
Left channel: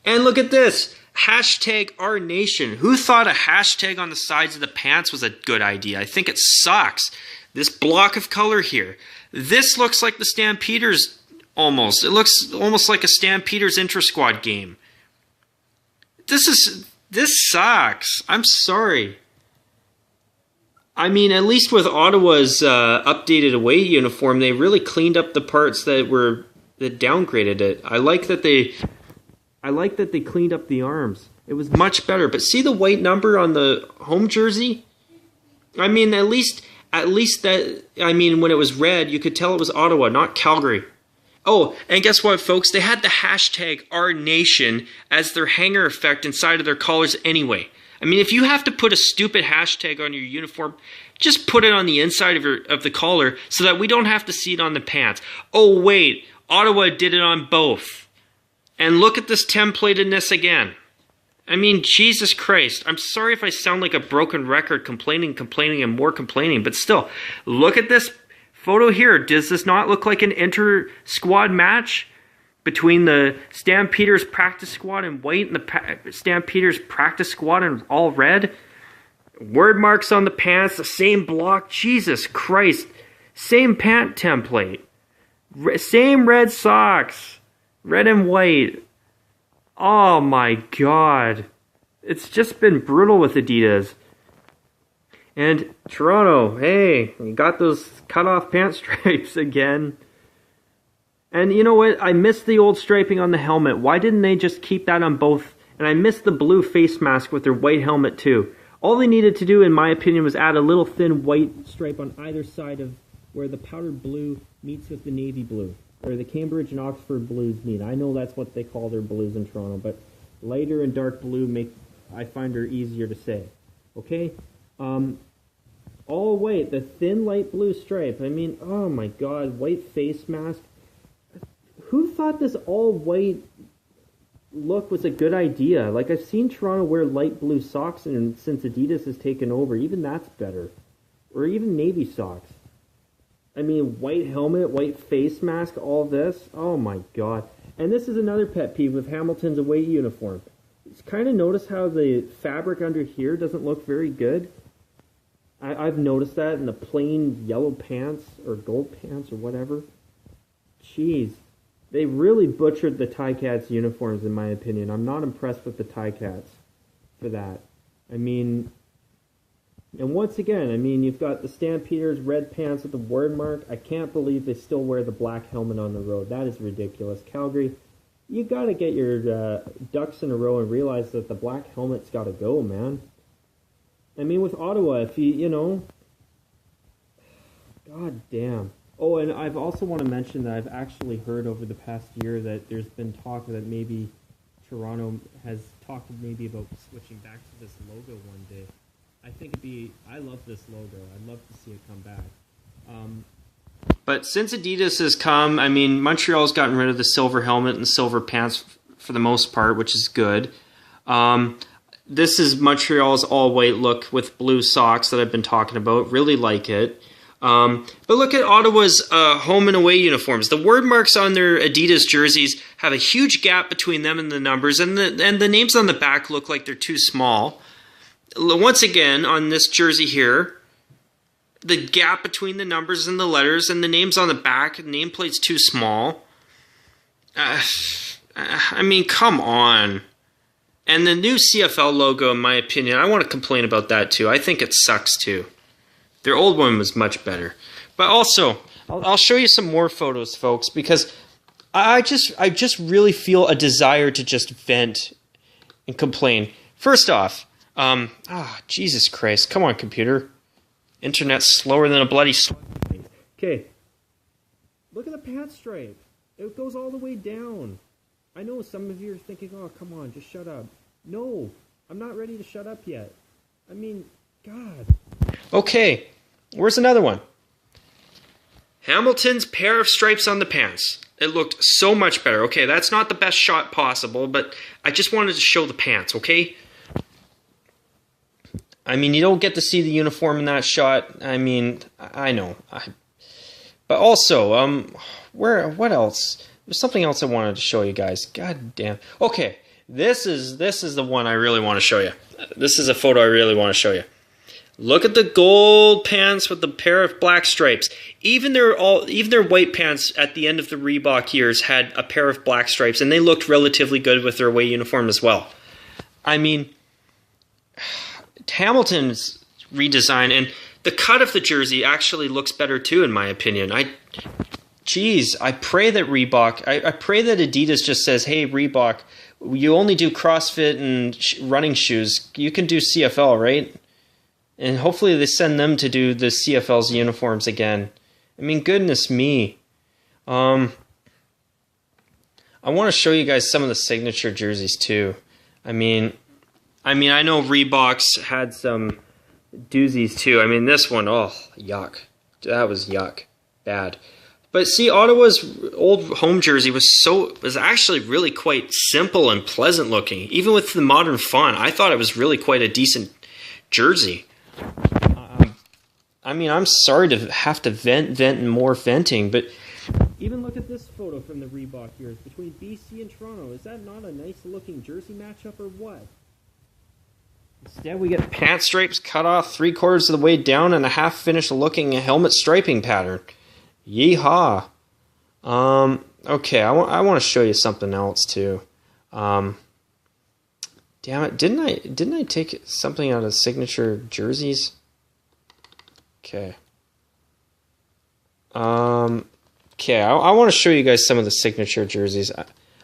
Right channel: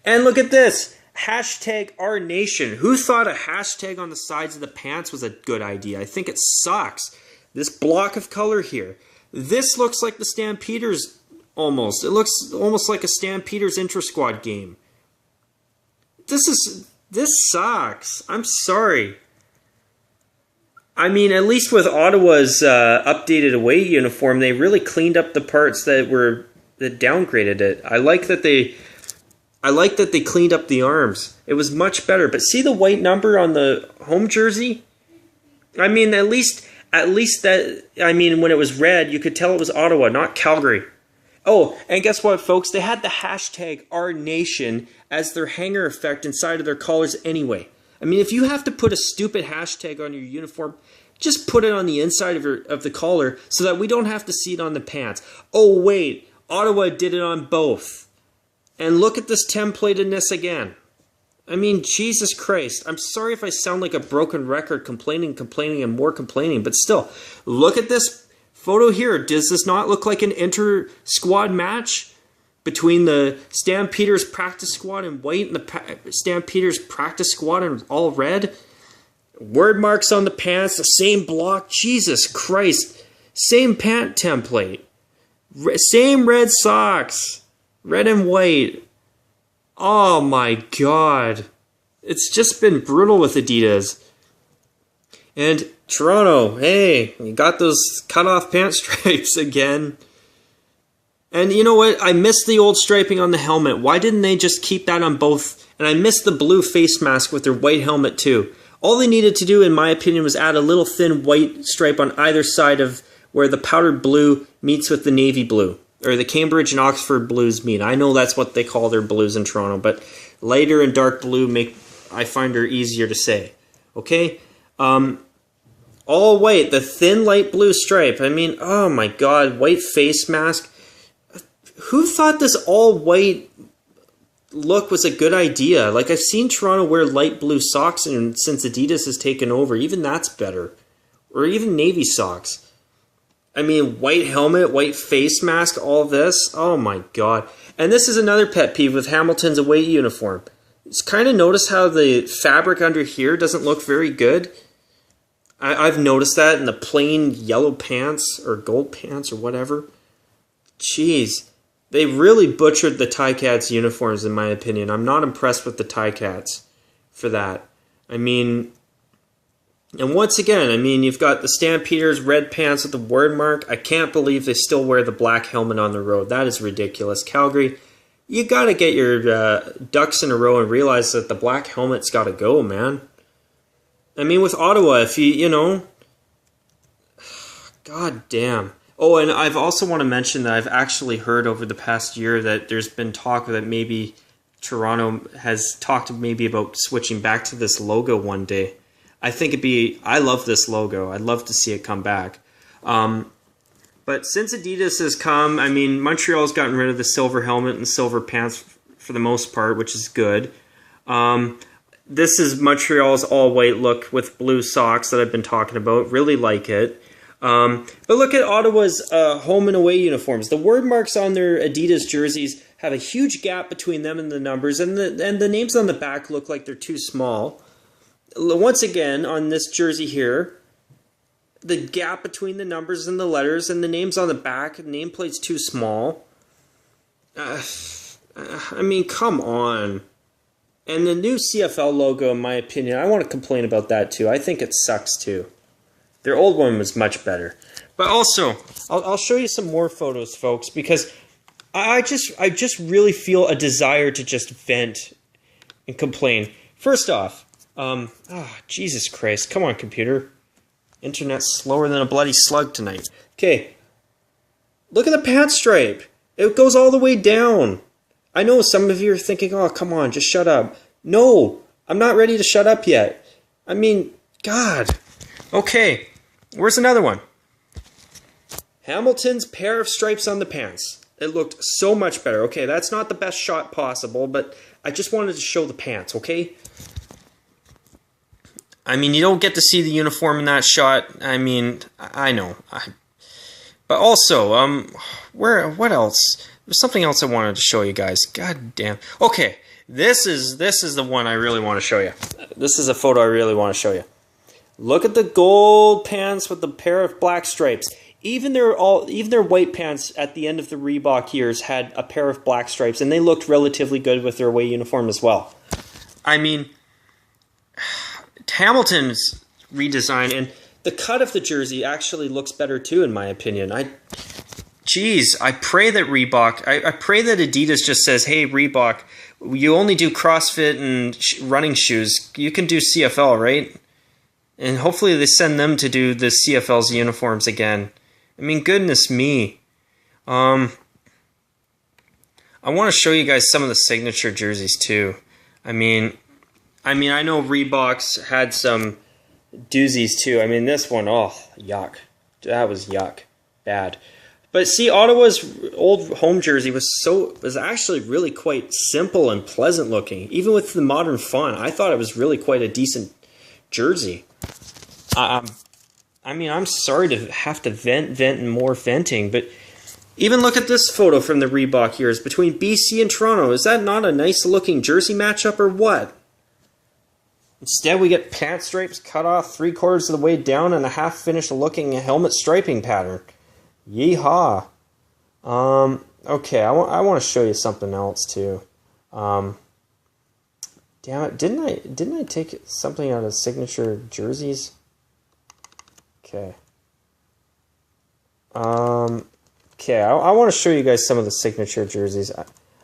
And look at this. #OurNation. Who thought a hashtag on the sides of the pants was a good idea? I think it sucks. This block of color here. This looks like the Stampeders almost. It looks almost like a Stampeders intra-squad game. This sucks. I'm sorry. I mean, at least with Ottawa's updated away uniform, they really cleaned up the parts that downgraded it. I like that they cleaned up the arms. It was much better. But see the white number on the home jersey? I mean, at least that, I mean, when it was red, you could tell it was Ottawa, not Calgary. Oh, and guess what, folks? They had the #OurNation as their hanger effect inside of their collars anyway. I mean, if you have to put a stupid hashtag on your uniform, just put it on the inside of the collar so that we don't have to see it on the pants. Oh, wait, Ottawa did it on both. And look at this templatedness again. I mean, Jesus Christ. I'm sorry if I sound like a broken record, complaining, and more complaining, but still, look at this photo here. Does this not look like an inter-squad match between the Stampeders practice squad in white and the Stampeders practice squad in all red? Word marks on the pants, the same block. Jesus Christ. Same pant template. Same red socks. Red and white. Oh my God. It's just been brutal with Adidas. And Toronto, hey, you got those cut-off pant stripes again. And you know what? I missed the old striping on the helmet. Why didn't they just keep that on both? And I missed the blue face mask with their white helmet too. All they needed to do, in my opinion, was add a little thin white stripe on either side of where the powdered blue meets with the navy blue. Or the Cambridge and Oxford blues meet. I know that's what they call their blues in Toronto, but lighter and dark blue I find are easier to say. Okay? All white, the thin light blue stripe. I mean, oh my god, white face mask. Who thought this all white look was a good idea? Like, I've seen Toronto wear light blue socks, and since Adidas has taken over, even that's better. Or even navy socks. I mean, white helmet, white face mask, all this. Oh my god. And this is another pet peeve with Hamilton's away uniform. It's kind of notice how the fabric under here doesn't look very good. I've noticed that in the plain yellow pants or gold pants or whatever. Jeez. They really butchered the Ticats uniforms, in my opinion. I'm not impressed with the Ticats for that. I mean, and once again, I mean, you've got the Stampeders red pants with the word mark. I can't believe they still wear the black helmet on the road. That is ridiculous. Calgary, you got to get your ducks in a row and realize that the black helmet's got to go, man. I mean, with Ottawa, if you know, god damn. Oh, and I've also want to mention that I've actually heard over the past year that there's been talk that maybe Toronto has talked maybe about switching back to this logo one day. I think I love this logo. I'd love to see it come back. But since Adidas has come, I mean, Montreal's gotten rid of the silver helmet and silver pants for the most part, which is good. This is Montreal's all-white look with blue socks that I've been talking about. Really like it. But look at Ottawa's home and away uniforms. The word marks on their Adidas jerseys have a huge gap between them and the numbers, and the names on the back look like they're too small. Once again, on this jersey here, the gap between the numbers and the letters and the names on the back, nameplate's too small. I mean, come on. And the new CFL logo, in my opinion, I want to complain about that too. I think it sucks too. Their old one was much better. But also, I'll show you some more photos, folks, because I just really feel a desire to just vent and complain. First off, Jesus Christ. Come on, computer. Internet's slower than a bloody slug tonight. Okay. Look at the pants stripe. It goes all the way down. I know some of you are thinking, oh, come on, just shut up. No, I'm not ready to shut up yet. I mean, God. Okay. Where's another one? Hamilton's pair of stripes on the pants. It looked so much better. Okay, that's not the best shot possible, but I just wanted to show the pants, okay? I mean, you don't get to see the uniform in that shot. I mean, I know. But also, what else? There's something else I wanted to show you guys. God damn. Okay, this is the one I really want to show you. This is a photo I really want to show you. Look at the gold pants with the pair of black stripes. Even their white pants at the end of the Reebok years had a pair of black stripes, and they looked relatively good with their away uniform as well. I mean, Hamilton's redesign and the cut of the jersey actually looks better too, in my opinion. I pray that Reebok, I pray that Adidas just says, hey, Reebok, you only do CrossFit and running shoes. You can do CFL, right? And hopefully they send them to do the CFL's uniforms again. I mean, goodness me. I want to show you guys some of the signature jerseys too. I mean, I know Reebok's had some doozies too. I mean, this one, oh, yuck. That was yuck. Bad. But see, Ottawa's old home jersey was actually really quite simple and pleasant looking. Even with the modern font, I thought it was really quite a decent jersey. I mean, I'm sorry to have to vent and more venting, but even look at this photo from the Reebok years between BC and Toronto. Is that not a nice looking jersey matchup or what? Instead, we get pant stripes cut off 3/4 of the way down and a half-finished looking helmet striping pattern. Yeehaw. Okay, I want to show you something else too. Damn it, didn't I take something out of signature jerseys? Okay. Okay, I want to show you guys some of the signature jerseys.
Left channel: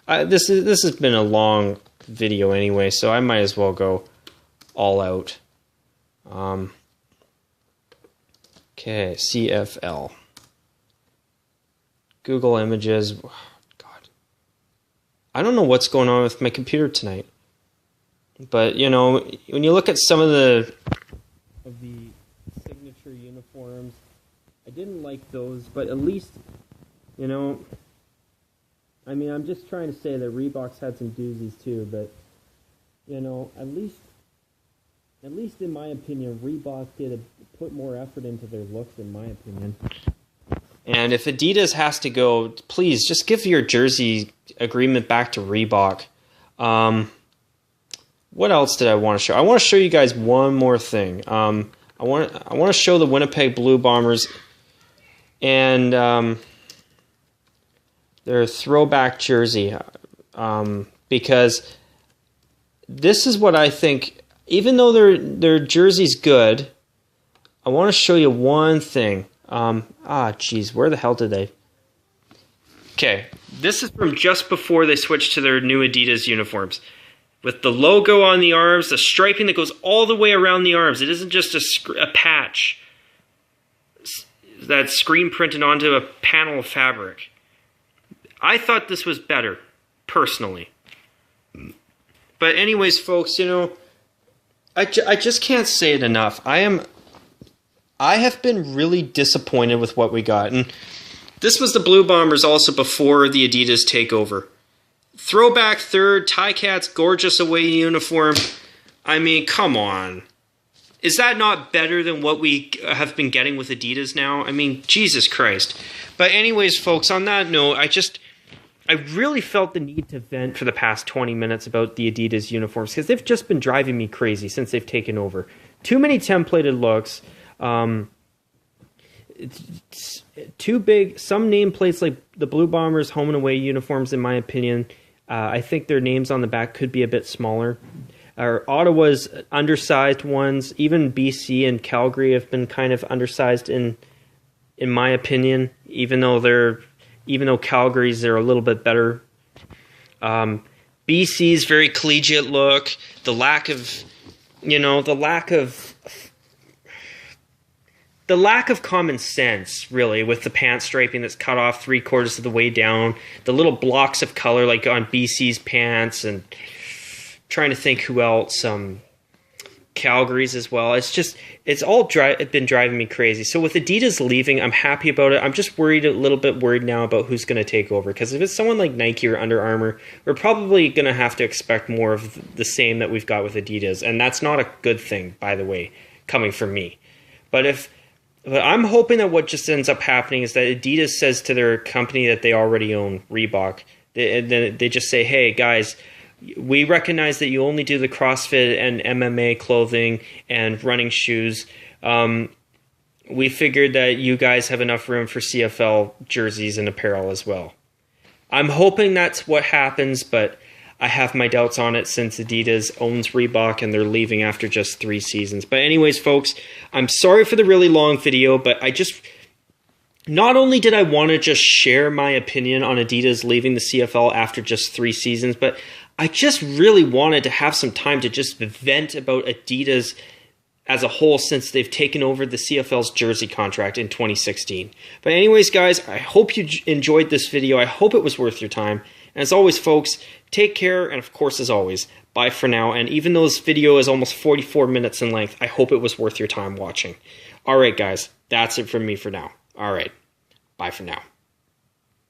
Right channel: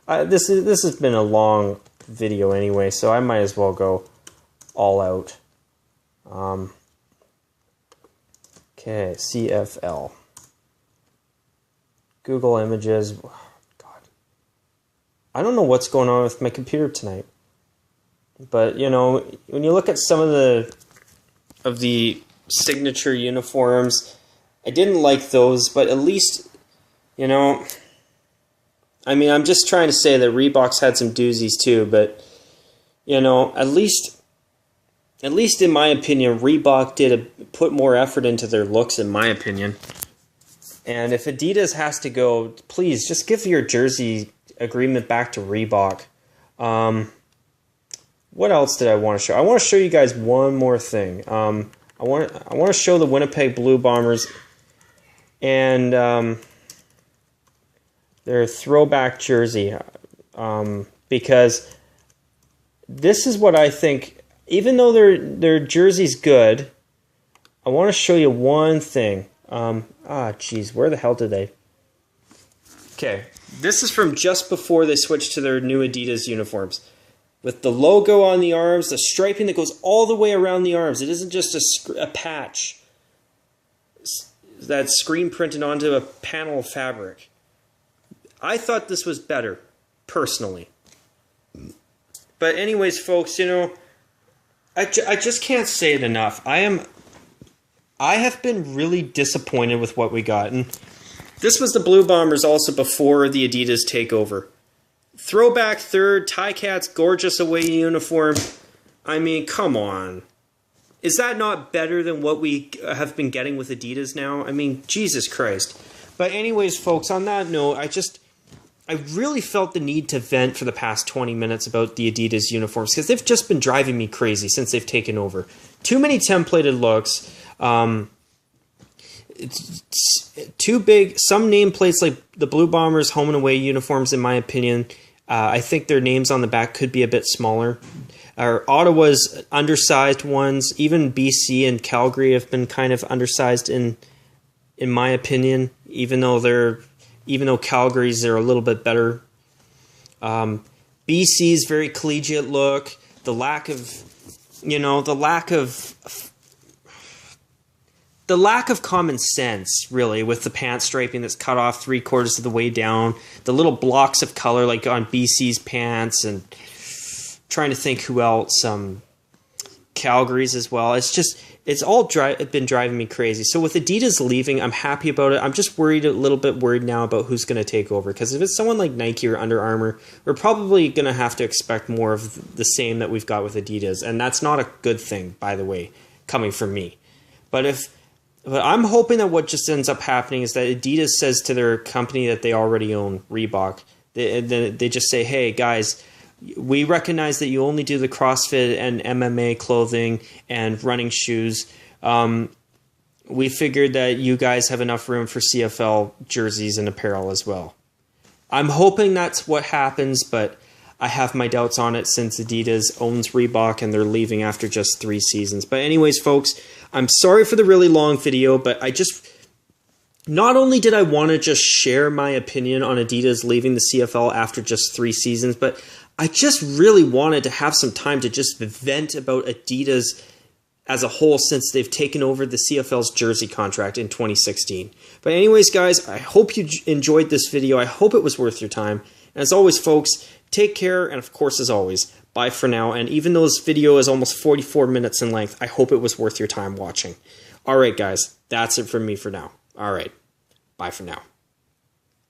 This has been a long video anyway, so I might as well go all out. Okay, CFL. Google Images. Oh, God, I don't know what's going on with my computer tonight. But you know, when you look at some of the signature uniforms, I didn't like those, but at least, you know, I mean, I'm just trying to say that Reebok's had some doozies too, but you know, at least in my opinion, Reebok put more effort into their looks, in my opinion. And if Adidas has to go, please just give your jersey agreement back to Reebok. What else did I want to show? I want to show you guys one more thing. I want to show the Winnipeg Blue Bombers and their throwback jersey, because this is what I think. Even though their jersey's good, I want to show you one thing. Geez, where the hell did they? Okay, this is from just before they switched to their new Adidas uniforms. With the logo on the arms, the striping that goes all the way around the arms. It isn't just a patch that's screen printed onto a panel of fabric. I thought this was better, personally. But anyways, folks, you know, I just can't say it enough. I have been really disappointed with what we got. And this was the Blue Bombers also before the Adidas takeover. Throwback third, Ticats, gorgeous away uniform. I mean, come on. Is that not better than what we have been getting with Adidas now? I mean, Jesus Christ. But anyways, folks, on that note, I really felt the need to vent for the past 20 minutes about the Adidas uniforms because they've just been driving me crazy since they've taken over. Too many templated looks. It's too big. Some nameplates like the Blue Bombers home and away uniforms, in my opinion, I think their names on the back could be a bit smaller. Ottawa's undersized ones, even BC and Calgary have been kind of undersized in my opinion, even though Calgary's they're a little bit better. BC's very collegiate look, the lack of common sense, really, with the pant striping that's cut off 3/4 of the way down, the little blocks of color like on BC's pants, and trying to think who else, Calgary's as well. It's all been driving me crazy. So with Adidas leaving, I'm happy about it. I'm just a little bit worried now about who's going to take over. Because if it's someone like Nike or Under Armour, we're probably going to have to expect more of the same that we've got with Adidas. And that's not a good thing, by the way, coming from me. But I'm hoping that what just ends up happening is that Adidas says to their company that they already own, Reebok, they just say, hey, guys, we recognize that you only do the CrossFit and MMA clothing and running shoes. We figured that you guys have enough room for CFL jerseys and apparel as well. I'm hoping that's what happens, but I have my doubts on it since Adidas owns Reebok and they're leaving after just 3 seasons. But anyways, folks, I'm sorry for the really long video, but not only did I want to just share my opinion on Adidas leaving the CFL after just 3 seasons, but I just really wanted to have some time to just vent about Adidas as a whole since they've taken over the CFL's jersey contract in 2016. But anyways, guys, I hope you enjoyed this video. I hope it was worth your time. And as always, folks, take care. And of course, as always, bye for now. And even though this video is almost 44 minutes in length, I hope it was worth your time watching. All right, guys, that's it from me for now. All right, bye for now.